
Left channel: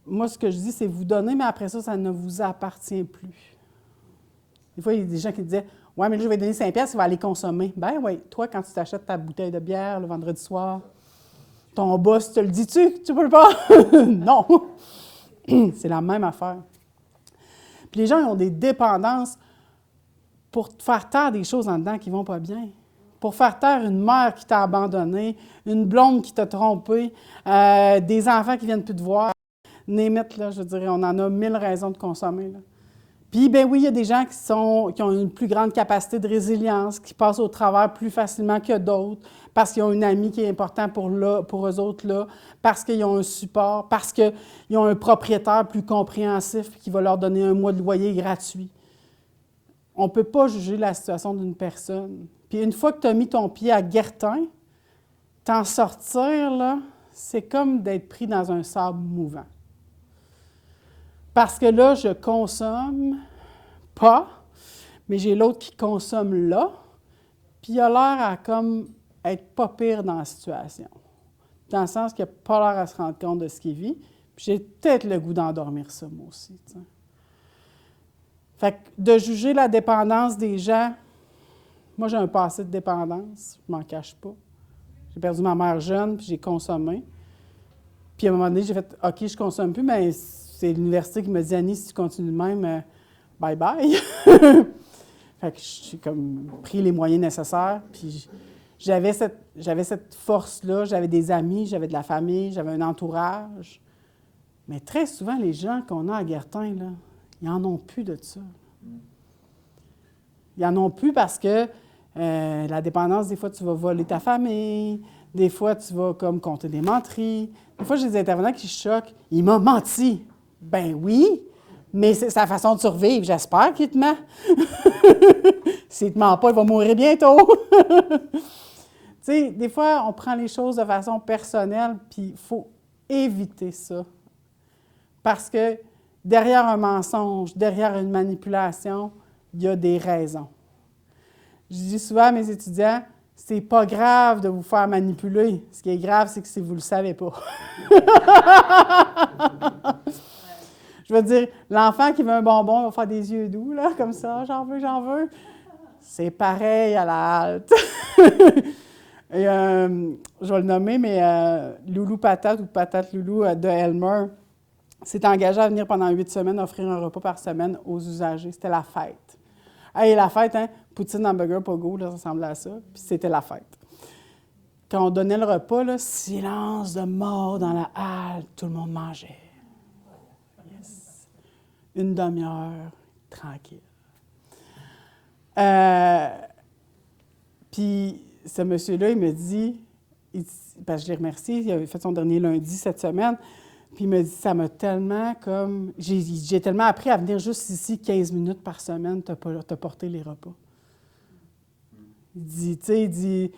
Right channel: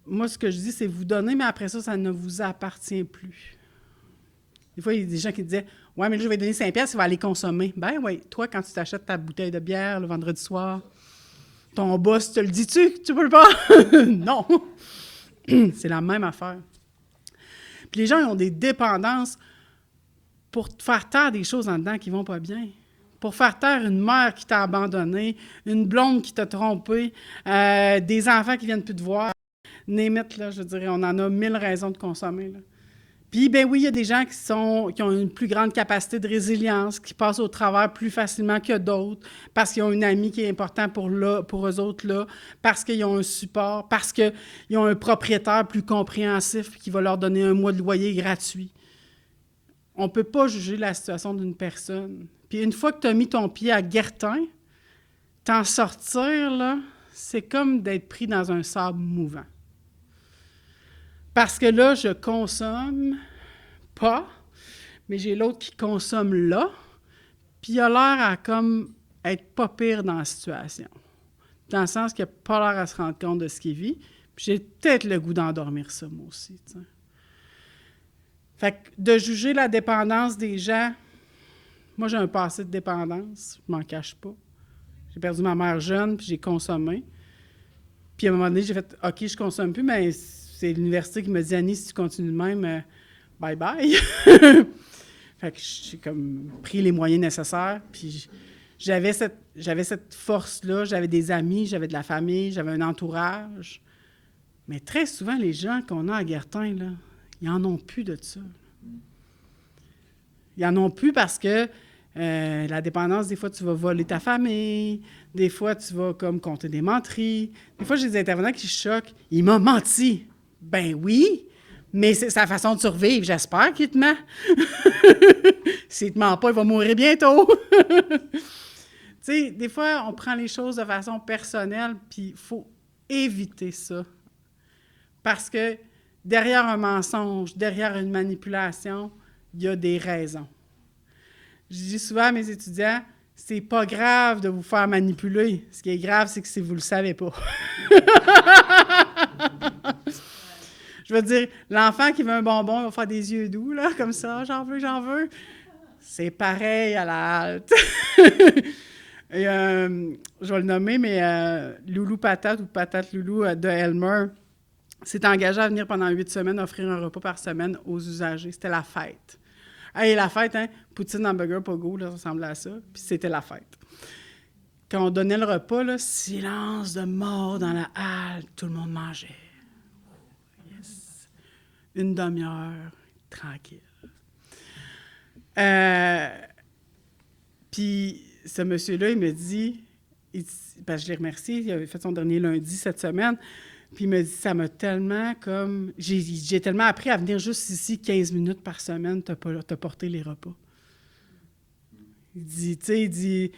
Moi, ce que je dis, c'est vous donner, mais après ça, ça ne vous appartient plus. Des fois, il y a des gens qui disaient « Ouais, mais là, je vais donner 5$, il va aller consommer. » Ben oui, toi, quand tu t'achètes ta bouteille de bière le vendredi soir, ton boss te le dit-tu? Tu peux le pas? Non! C'est la même affaire. Puis les gens, ils ont des dépendances pour faire taire des choses en dedans qui ne vont pas bien. Pour faire taire une mère qui t'a abandonné, une blonde qui t'a trompé, des enfants qui ne viennent plus te voir. Némite, là, je dirais, on en a 1000 raisons de consommer. Là. Puis, bien oui, il y a des gens qui ont une plus grande capacité de résilience, qui passent au travers plus facilement que d'autres, parce qu'ils ont un ami qui est important pour eux autres, là, parce qu'ils ont un support, parce qu'ils ont un propriétaire plus compréhensif qui va leur donner un mois de loyer gratuit. On ne peut pas juger la situation d'une personne. Puis une fois que tu as mis ton pied à Gartin, t'en sortir, là, c'est comme d'être pris dans un sable mouvant. Parce que là, je consomme pas, mais j'ai l'autre qui consomme là, puis il a l'air à comme être pas pire dans la situation. Dans le sens qu'il n'a pas l'air à se rendre compte de ce qu'il vit, puis j'ai peut-être le goût d'endormir ça, moi aussi. T'sais. Fait que de juger la dépendance des gens, moi, j'ai un passé de dépendance, je m'en cache pas. J'ai perdu ma mère jeune, puis j'ai consommé. Puis à un moment donné, j'ai fait « OK, je consomme plus », mais c'est l'université qui m'a dit « Annie, si tu continues de même, bye-bye ». Fait que j'ai comme pris les moyens nécessaires, puis j'avais cette force-là, j'avais des amis, j'avais de la famille, j'avais un entourage. Mais très souvent, les gens qu'on a à Gartin, là, ils n'en ont plus de ça. Ils n'en ont plus parce que la dépendance, des fois, tu vas voler ta famille, des fois, tu vas comme compter des menteries. Des fois, j'ai des intervenants qui se choquent. « Il m'a menti. » Ben oui, mais c'est sa façon de survivre. J'espère qu'il te ment. S'il ne te ment pas, il va mourir bientôt. Tu sais, des fois, on prend les choses de façon personnelle, puis il faut éviter ça. Parce que derrière un mensonge, derrière une manipulation, il y a des raisons. Je dis souvent à mes étudiants, c'est pas grave de vous faire manipuler. Ce qui est grave, c'est que si vous ne le savez pas. Je veux dire, l'enfant qui veut un bonbon, il va faire des yeux doux, là, comme ça, j'en veux, j'en veux. C'est pareil à la halte. Et, je vais le nommer, mais Loulou Patate ou Patate Loulou de Elmer, s'est engagé à venir pendant 8 semaines offrir un repas par semaine aux usagers. C'était la fête. Hey, la fête, hein? Poutine, hamburger, pogo, là, ça ressemblait à ça. Puis c'était la fête. Quand on donnait le repas, là, silence de mort dans la halle, tout le monde mangeait. Yes. Une demi-heure, tranquille. Puis ce monsieur-là, il me dit, parce que je l'ai remercié, il avait fait son dernier lundi cette semaine, puis il me dit, ça m'a tellement comme... J'ai tellement appris à venir juste ici 15 minutes par semaine te porter les repas. Il dit, tu sais, il dit,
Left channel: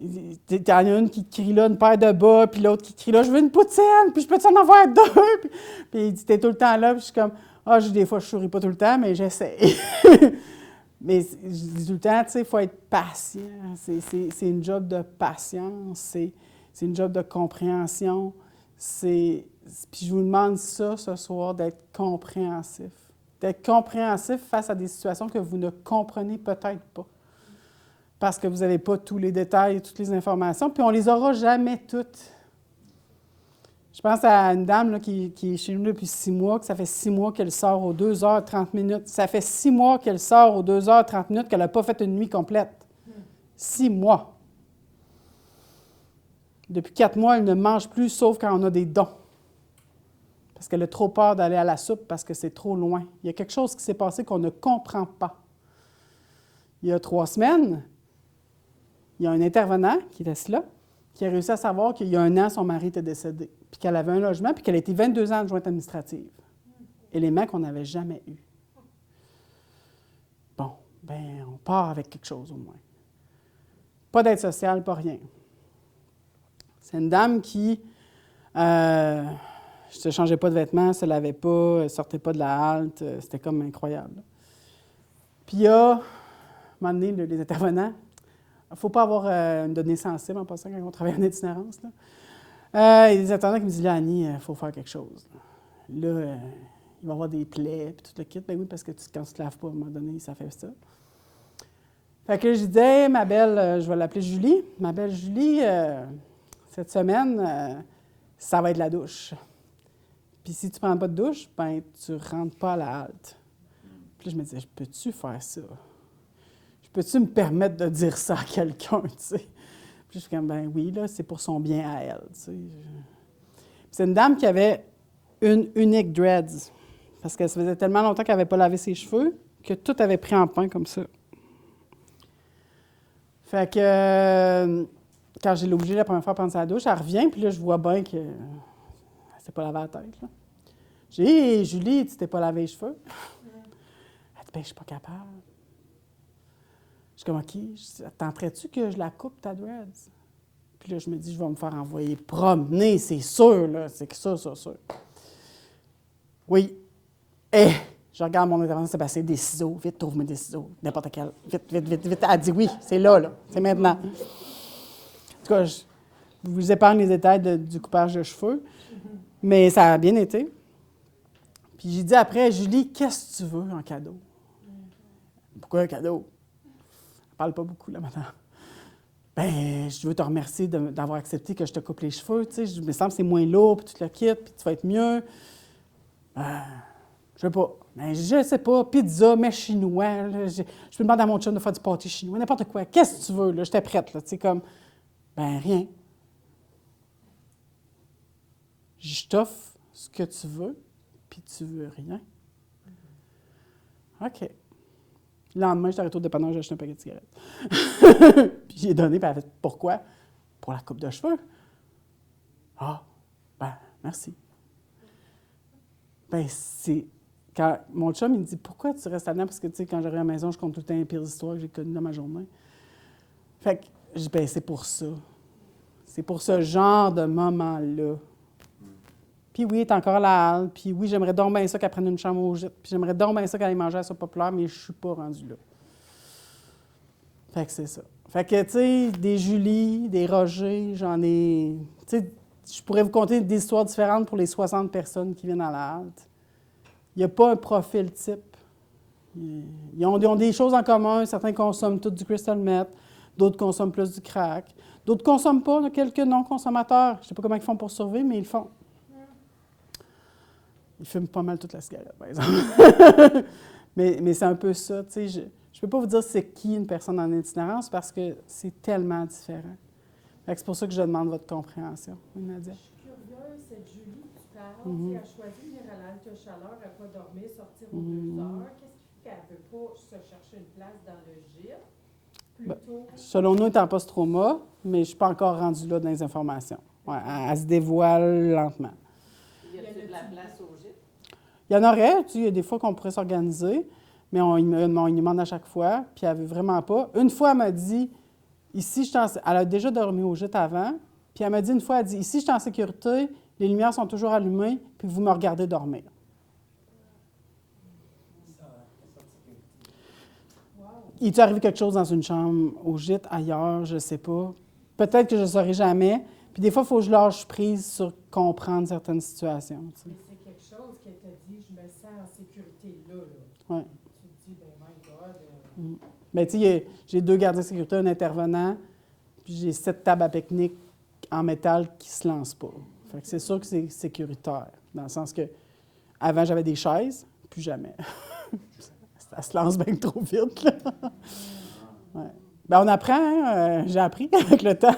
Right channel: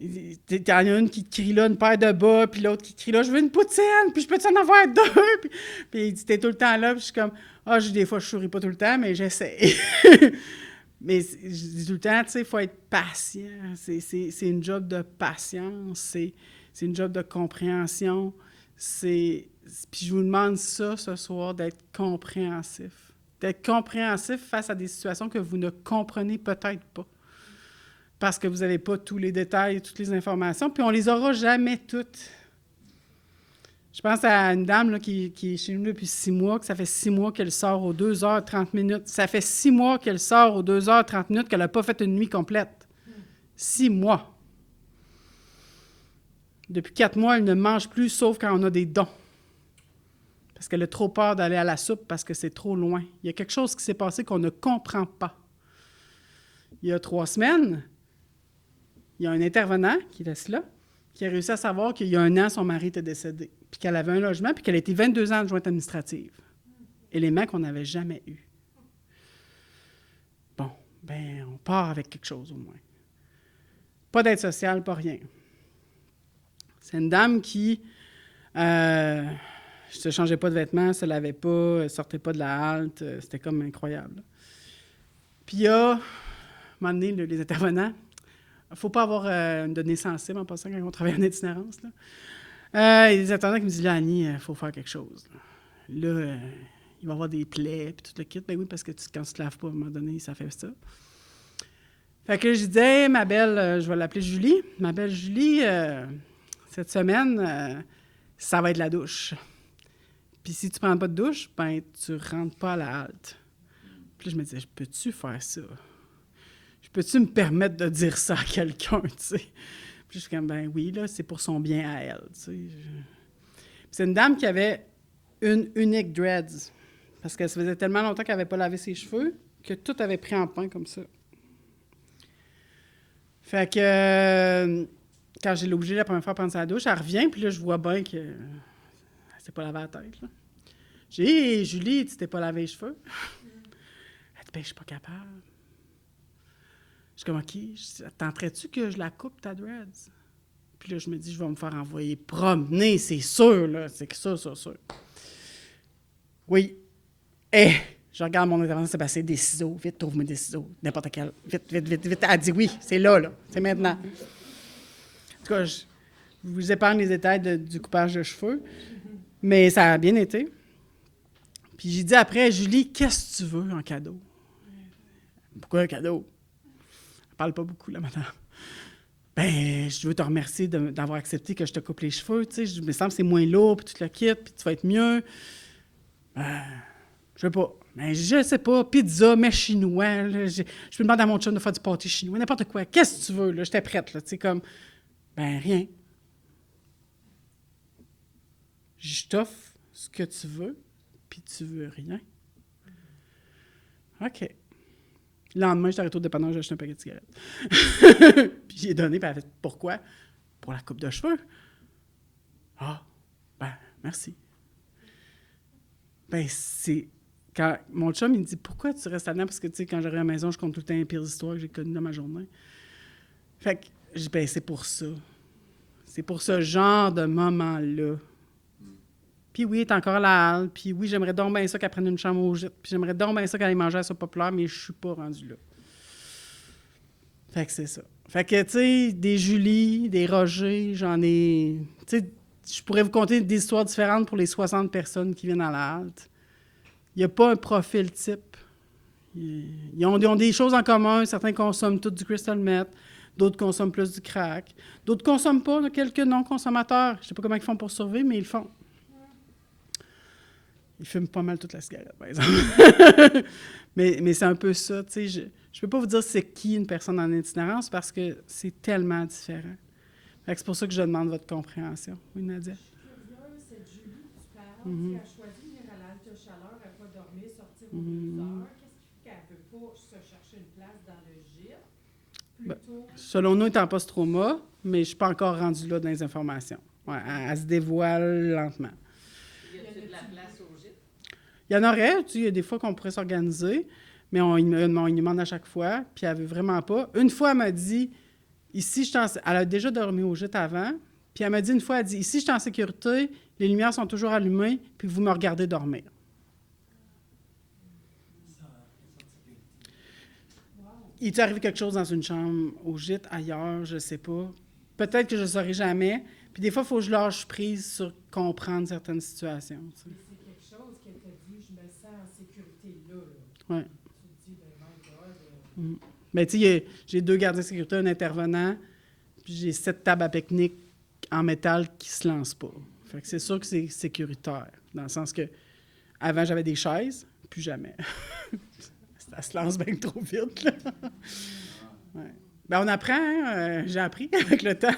il y en a une qui crie là, une paire de bas, puis l'autre qui crie là, je veux une poutine, puis je peux en avoir deux? Puis il dit, t'es tout le temps là, puis je suis comme, des fois, je ne souris pas tout le temps, mais j'essaie. Mais je dis tout le temps, tu sais, il faut être patient. C'est une job de patience, c'est une job de compréhension. Puis je vous demande ça ce soir, d'être compréhensif. D'être compréhensif face à des situations que vous ne comprenez peut-être pas. Parce que vous n'avez pas tous les détails, toutes les informations, puis on ne les aura jamais toutes. Je pense à une dame là, qui est chez nous depuis 6 mois, que ça fait 6 mois qu'elle sort aux 2h30. Ça fait 6 mois qu'elle sort aux 2h30 qu'elle n'a pas fait une nuit complète. 6 mois. Depuis 4 mois, elle ne mange plus, sauf quand on a des dons. Parce qu'elle a trop peur d'aller à la soupe parce que c'est trop loin. Il y a quelque chose qui s'est passé qu'on ne comprend pas. Il y a 3 semaines, il y a un intervenant qui est là, qui a réussi à savoir qu'il y a 1 an, son mari était décédé, puis qu'elle avait un logement, puis qu'elle a été 22 ans adjointe administrative. Élément qu'on n'avait jamais eu. Bon, bien, on part avec quelque chose au moins. Pas d'aide sociale, pas rien. C'est une dame qui ne se changeait pas de vêtements, ne se lavait pas, elle ne sortait pas de la halte, c'était comme incroyable. Puis il y a, à un moment donné, les intervenants, il ne faut pas avoir une donnée sensible en passant quand on travaille en itinérance. Il y a des intervenants qui me disent, là, Annie, il faut faire quelque chose. Là, il va y avoir des plaies, puis tout le kit. Ben oui, parce que quand tu ne te laves pas, à un moment donné, ça fait ça. Fait que je disais, hey, ma belle, je vais l'appeler Julie. Ma belle Julie, cette semaine, ça va être la douche. Puis si tu ne prends pas de douche, ben tu ne rentres pas à la halte. Puis là, je me disais, peux-tu faire ça? Peux-tu me permettre de dire ça à quelqu'un, tu sais? Puis je suis comme, ben oui, là, c'est pour son bien à elle, tu sais. C'est une dame qui avait une unique dreads, parce que ça faisait tellement longtemps qu'elle n'avait pas lavé ses cheveux que tout avait pris en pain comme ça. Fait que quand j'ai l'obligé la première fois à prendre sa douche, elle revient, puis là, je vois bien qu'elle ne s'est pas lavé la tête, là. J'ai dit, hey, Julie, tu t'es pas lavé les cheveux? Elle dit, ben, je suis pas capable. Je suis comme, OK, tenterais-tu que je la coupe, ta dreads? Puis là, je me dis, je vais me faire envoyer promener, c'est sûr, là. C'est que ça, sûr. Oui. Je regarde mon intervenant, c'est passé des ciseaux. Vite, trouve-moi des ciseaux. N'importe quel. Vite. Elle dit oui, c'est là. C'est maintenant. En tout cas, je vous épargne les détails du coupage de cheveux. Mais ça a bien été. Puis j'ai dit après, Julie, qu'est-ce que tu veux en cadeau? Pourquoi un cadeau? Elle parle pas beaucoup, là, madame. Ben, je veux te remercier d'avoir accepté que je te coupe les cheveux, tu sais. Je me sens que c'est moins lourd, puis tu te le quittes, puis tu vas être mieux. Je veux pas. Ben, je sais pas. Pizza, mais chinois. Là, je peux demander à mon chum de faire du pâté chinois, n'importe quoi. Qu'est-ce que tu veux, là? J'étais prête, là. Tu sais, comme, ben, rien. Je t'offre ce que tu veux, puis tu veux rien. OK. Le lendemain, j'étais arrêté au dépanneur, j'ai acheté un paquet de cigarettes. Puis j'ai donné, puis elle a fait, pourquoi? Pour la coupe de cheveux. Ah, ben, merci. Ben, c'est... Quand mon chum, il me dit, pourquoi tu restes là-dedans? Parce que, tu sais, quand j'arrive à la maison, je compte tout le temps les pires histoires que j'ai connues dans ma journée. Fait que, je dis, ben, c'est pour ça. C'est pour ce genre de moment-là. Puis oui, elle est encore à la halle. Puis oui, j'aimerais donc bien ça qu'elle prenne une chambre au gîte. Puis j'aimerais donc bien ça qu'elle aille manger à ça populaire, mais je ne suis pas rendue là. Fait que c'est ça. Fait que, tu sais, des Julie, des Roger, j'en ai... Tu sais, je pourrais vous conter des histoires différentes pour les 60 personnes qui viennent à la halte. Il n'y a pas un profil type. Ils ont des choses en commun. Certains consomment tout du crystal meth, d'autres consomment plus du crack, d'autres ne consomment pas, quelques non-consommateurs. Je ne sais pas comment ils font pour survivre, mais ils le font. Il fume pas mal toute la cigarette, par exemple. mais c'est un peu ça, tu sais. Je ne peux pas vous dire c'est qui une personne en itinérance parce que c'est tellement différent. Fait que c'est pour ça que je demande votre compréhension. Oui, Nadia? Je suis curieuse, cette Julie, tu parles, Mhm. elle a choisi de venir à la halte chaleur, elle va dormir, sortir aux 2 heures. Qu'est-ce qui fait qu'elle ne veut pas se chercher une place dans le gîte? Plutôt, Selon nous, elle est en post-trauma, mais je ne suis pas encore rendue là dans les informations. Ouais, elle se dévoile lentement. Y a-t-il de la place au gîte? Il y en aurait, tu sais, il y a des fois qu'on pourrait s'organiser, mais on lui demande à chaque fois, puis elle ne veut vraiment pas. Une fois, elle m'a dit, ici, elle a déjà dormi au gîte avant, puis elle m'a dit une fois, elle dit, ici, je suis en sécurité, les lumières sont toujours allumées, puis vous me regardez dormir. Il t'est arrivé quelque chose dans une chambre, au gîte, ailleurs, je ne sais pas. Peut-être que je ne saurai jamais. Puis des fois, il faut que je lâche prise sur comprendre certaines situations. Tu sais. mais c'est quelque chose qu'elle t'a dit, je me sens en sécurité là. Ouais. Tu te dis, ben my God. Bien, tu sais, j'ai 2 gardiens de sécurité, un intervenant, puis j'ai 7 tables à pique-nique en métal qui ne se lancent pas. Fait que c'est sûr que c'est sécuritaire, dans le sens que avant j'avais des chaises, plus jamais. Ça se lance bien trop vite, là. Ouais. Bien, on apprend, hein? J'ai appris avec le temps.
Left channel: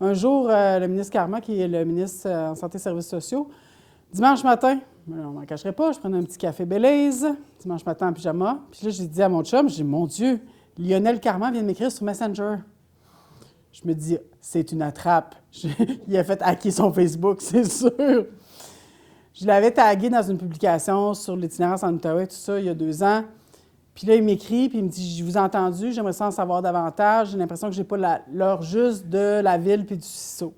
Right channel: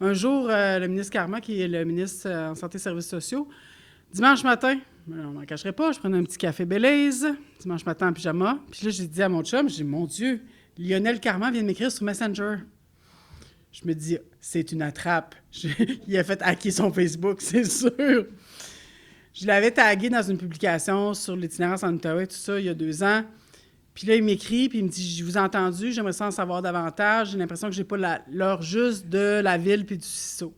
Un jour, le ministre Carman, qui est le ministre en Santé et Services sociaux, dimanche matin, on ne m'en cacherait pas, je prenais un petit café Belize, dimanche matin en pyjama. Puis là, j'ai dit à mon chum, j'ai dit, mon Dieu, Lionel Carman vient de m'écrire sur Messenger. Je me dis, c'est une attrape. Il a fait hacker son Facebook, c'est sûr. Je l'avais tagué dans une publication sur l'itinérance en Outaouais, tout ça, il y a 2 ans. Puis là, il m'écrit, puis il me dit, je vous ai entendu, j'aimerais ça en savoir davantage. J'ai l'impression que je n'ai pas l'heure juste de la ville puis du CISO.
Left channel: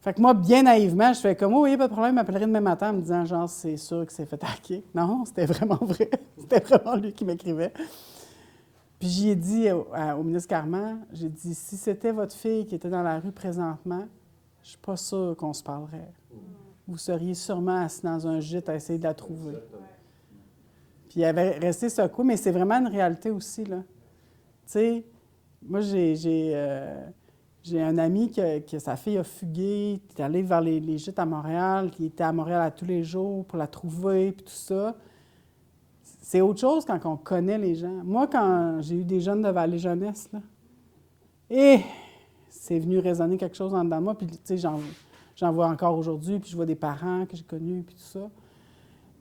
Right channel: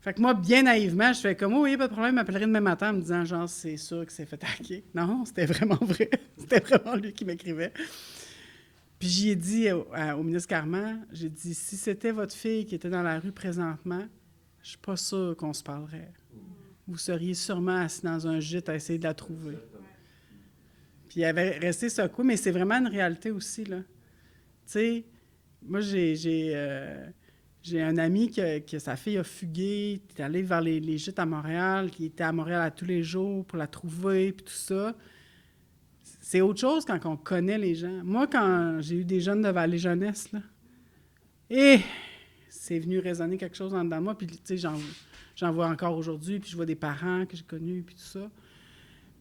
Fait que moi, bien naïvement, je fais comme, oh, oui, pas de problème, il m'appellerait demain matin en me disant, genre, c'est sûr que c'est fait hacker. Non, c'était vraiment vrai. C'était vraiment lui qui m'écrivait. Puis j'y ai dit au ministre Carman, j'ai dit, si c'était votre fille qui était dans la rue présentement, je suis pas sûre qu'on se parlerait. Vous seriez sûrement assis dans un gîte à essayer de la trouver. Puis il avait resté secoué, mais c'est vraiment une réalité aussi, là. Tu sais, moi, j'ai un ami que sa fille a fugué, qui est allé vers les gîtes à Montréal, qui était à Montréal à tous les jours pour la trouver, puis tout ça. C'est autre chose quand on connaît les gens. Moi, quand j'ai eu des jeunes de Vallée Jeunesse, là, et c'est venu résonner quelque chose en dedans de moi, puis tu sais, j'en vois encore aujourd'hui, puis je vois des parents que j'ai connus, puis tout ça.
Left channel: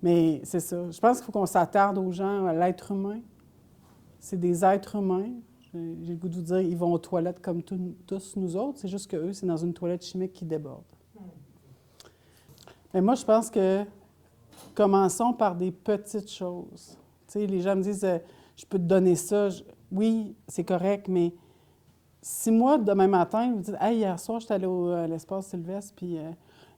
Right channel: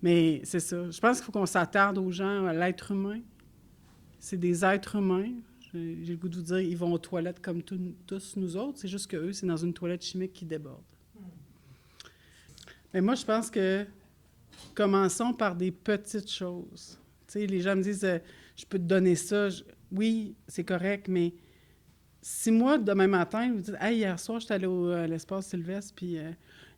Mais c'est ça. Je pense qu'il faut qu'on s'attarde aux gens, à l'être humain. C'est des êtres humains. J'ai le goût de vous dire, ils vont aux toilettes comme tous nous autres. C'est juste qu'eux, c'est dans une toilette chimique qui déborde. Mais moi, je pense que commençons par des petites choses. Tu sais, les gens me disent, je peux te donner ça. Oui, c'est correct, mais si moi, demain matin, vous dites, hey, hier soir, j'étais allée à l'espace Sylvestre, puis il y avait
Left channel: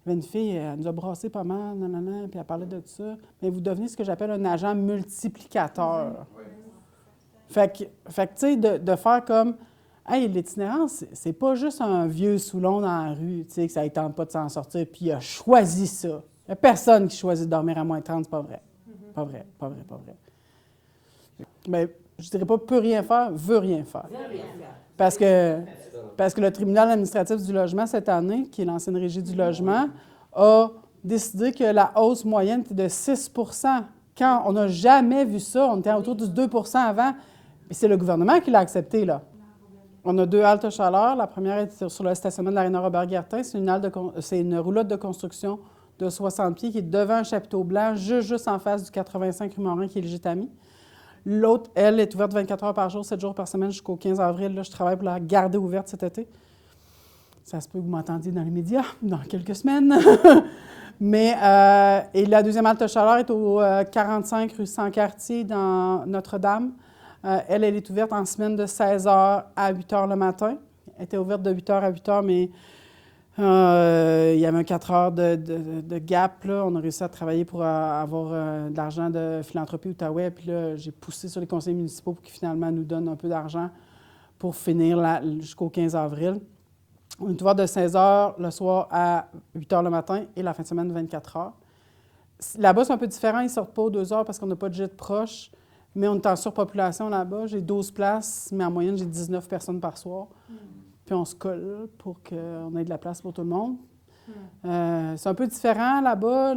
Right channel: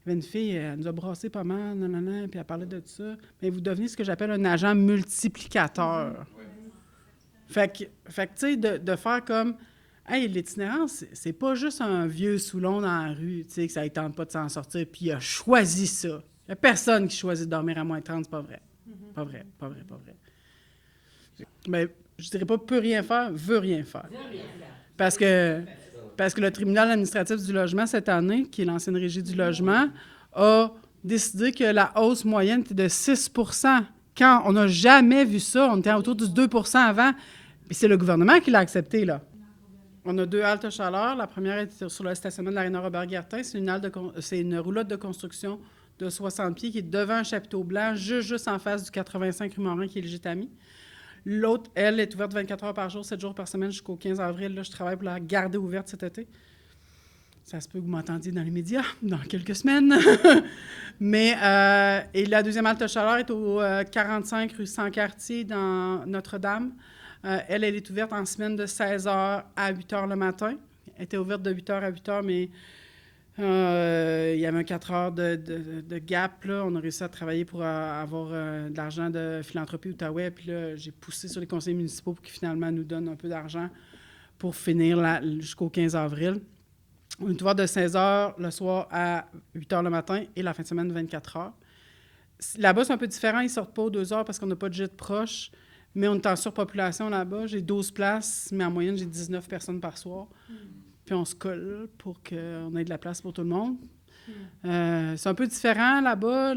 une fille, elle nous a brassé pas mal, nanana, puis elle parlait de tout ça. Mais vous devenez ce que j'appelle un agent multiplicateur. Fait que tu sais, de faire comme, hey, l'itinérance, c'est pas juste un vieux Soulon dans la rue, tu sais, que ça ne tente pas de s'en sortir, puis il a choisi ça. Il n'y a personne qui choisit de dormir à moins 30, c'est pas vrai. Pas vrai. Mais je dirais pas peut rien faire, veut rien faire. Parce que le tribunal administratif du logement, cette année, qui est l'ancienne régie du logement, a décidé que la hausse moyenne était de 6 %. Quand on n'a jamais vu ça, on était autour du 2 % avant. Et c'est le gouvernement qui l'a accepté, là. On a 2 haltes chaleur. La première est sur le stationnement de l'aréna Robert-Gartin. C'est une roulotte de construction de 60 pieds qui est devant un chapiteau blanc, juste en face du 85 rue Morin, qui est le Gitami. L'autre, elle, est ouverte 24 heures par jour, 7 jours par semaine jusqu'au 15 avril. Là, je travaille pour la garder ouverte cet été. Ça se peut que vous m'entendiez dans les médias dans quelques semaines. Mais, et la deuxième halte chaleur est au 45 rue Sans-Cartier dans Notre-Dame. Elle est ouverte en semaine de 16 h à 8 h le matin. Elle était ouverte de 8 h à 8 h, mais il y avait un 4 heures de gap. Là. On a réussi à travailler pour avoir de l'argent de Philanthropie Outaouais. Puis là, j'ai poussé sur les conseils municipaux pour qu'ils finalement nous donnent un peu d'argent pour finir jusqu'au 15 avril. On est ouvert de 16 h le soir à 8 h le matin et la fin de semaine de 24 h. Là-bas, c'est un peu différent. Ils ne sortent pas aux 2 heures parce qu'on n'a pas de gîte proche. Mais on est en surpopulation là-bas. J'ai 12 places, mais en moyenne, j'ai 19 personnes par soir. Puis on se colle pour qu'on ait de la place pour tout le monde. C'est un peu différent là-bas.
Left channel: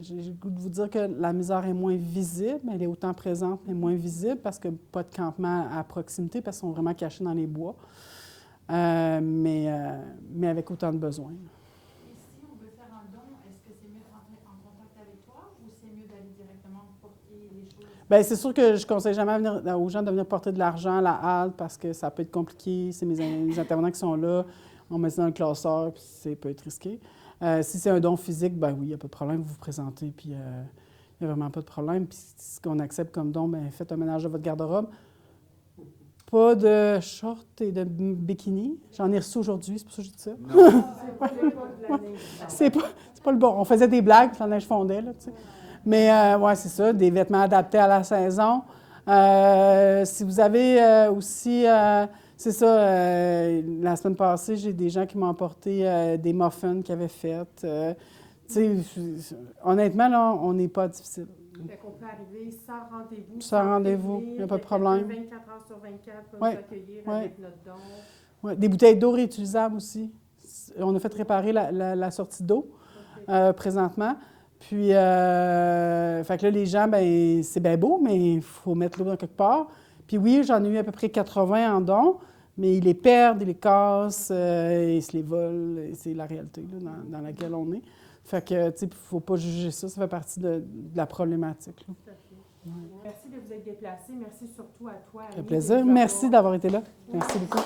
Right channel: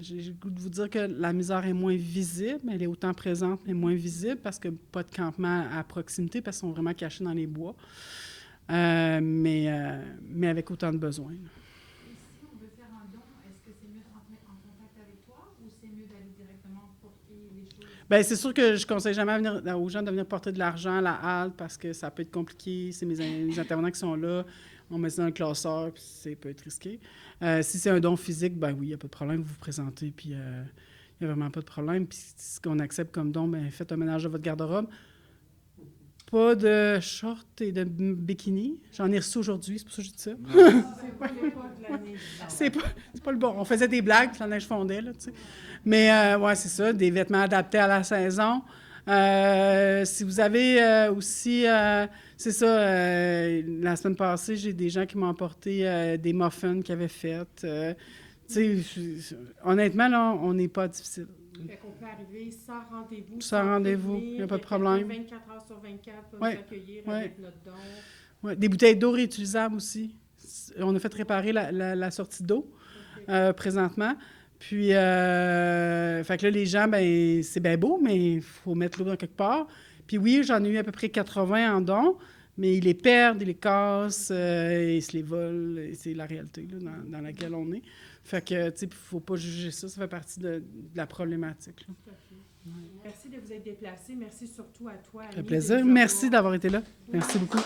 J'ai le goût de vous dire que la misère est moins visible. Elle est autant présente, mais moins visible parce que pas de campement à proximité, parce qu'ils sont vraiment cachés dans les bois. Mais avec autant de besoins. Et si on veut faire un don, est-ce que c'est mieux de rentrer en contact avec toi ou c'est mieux d'aller directement porter les choses? Bien, c'est sûr que je ne conseille jamais aux gens de venir porter de l'argent à la halte parce que ça peut être compliqué. C'est mes intervenants qui sont là. On met ça dans le classeur, puis ça peut être risqué. Si c'est un don physique, ben oui, il n'y a pas de problème. Vous vous présentez, puis il n'y a vraiment pas de problème. Puis ce qu'on accepte comme don, bien, faites un ménage de votre garde-robe. Pas de shorts et de bikini. J'en ai reçu aujourd'hui, c'est pour ça que je dis ça. C'est pas l'époque de l'année. C'est pas le bon. On faisait des blagues, puis la neige fondait, là, tu sais. Mais, ouais, c'est ça, des vêtements adaptés à la saison. Si vous avez aussi, c'est ça, la semaine passée, j'ai des gens qui m'ont apporté des muffins qu'ils avaient faits. Tu sais, honnêtement, là, on n'est pas difficile. Fait qu'on peut arriver sans rendez-vous. Sans rendez-vous, il n'y a pas de problème. 24 heures sur 24 pour Ouais, nous accueillir ouais. avec notre don. Ouais, des bouteilles d'eau réutilisables aussi. On a fait réparer la sortie d'eau présentement. Puis, fait que là, les gens, ben c'est bien beau, mais il faut mettre l'eau dans quelque part. Puis oui, j'en ai eu à peu près 80 en dons, mais ils les perdent, ils les cassent, ils se les volent. Et c'est la réalité là, dans laquelle on est. Fait que, tu sais, il ne faut pas juger ça, ça fait partie de la problématique. Là. Tout à fait. Merci de vous être déplacés. Merci surtout à toi, Annie. Ça fait plaisir. Merci d'avoir été là. Merci beaucoup.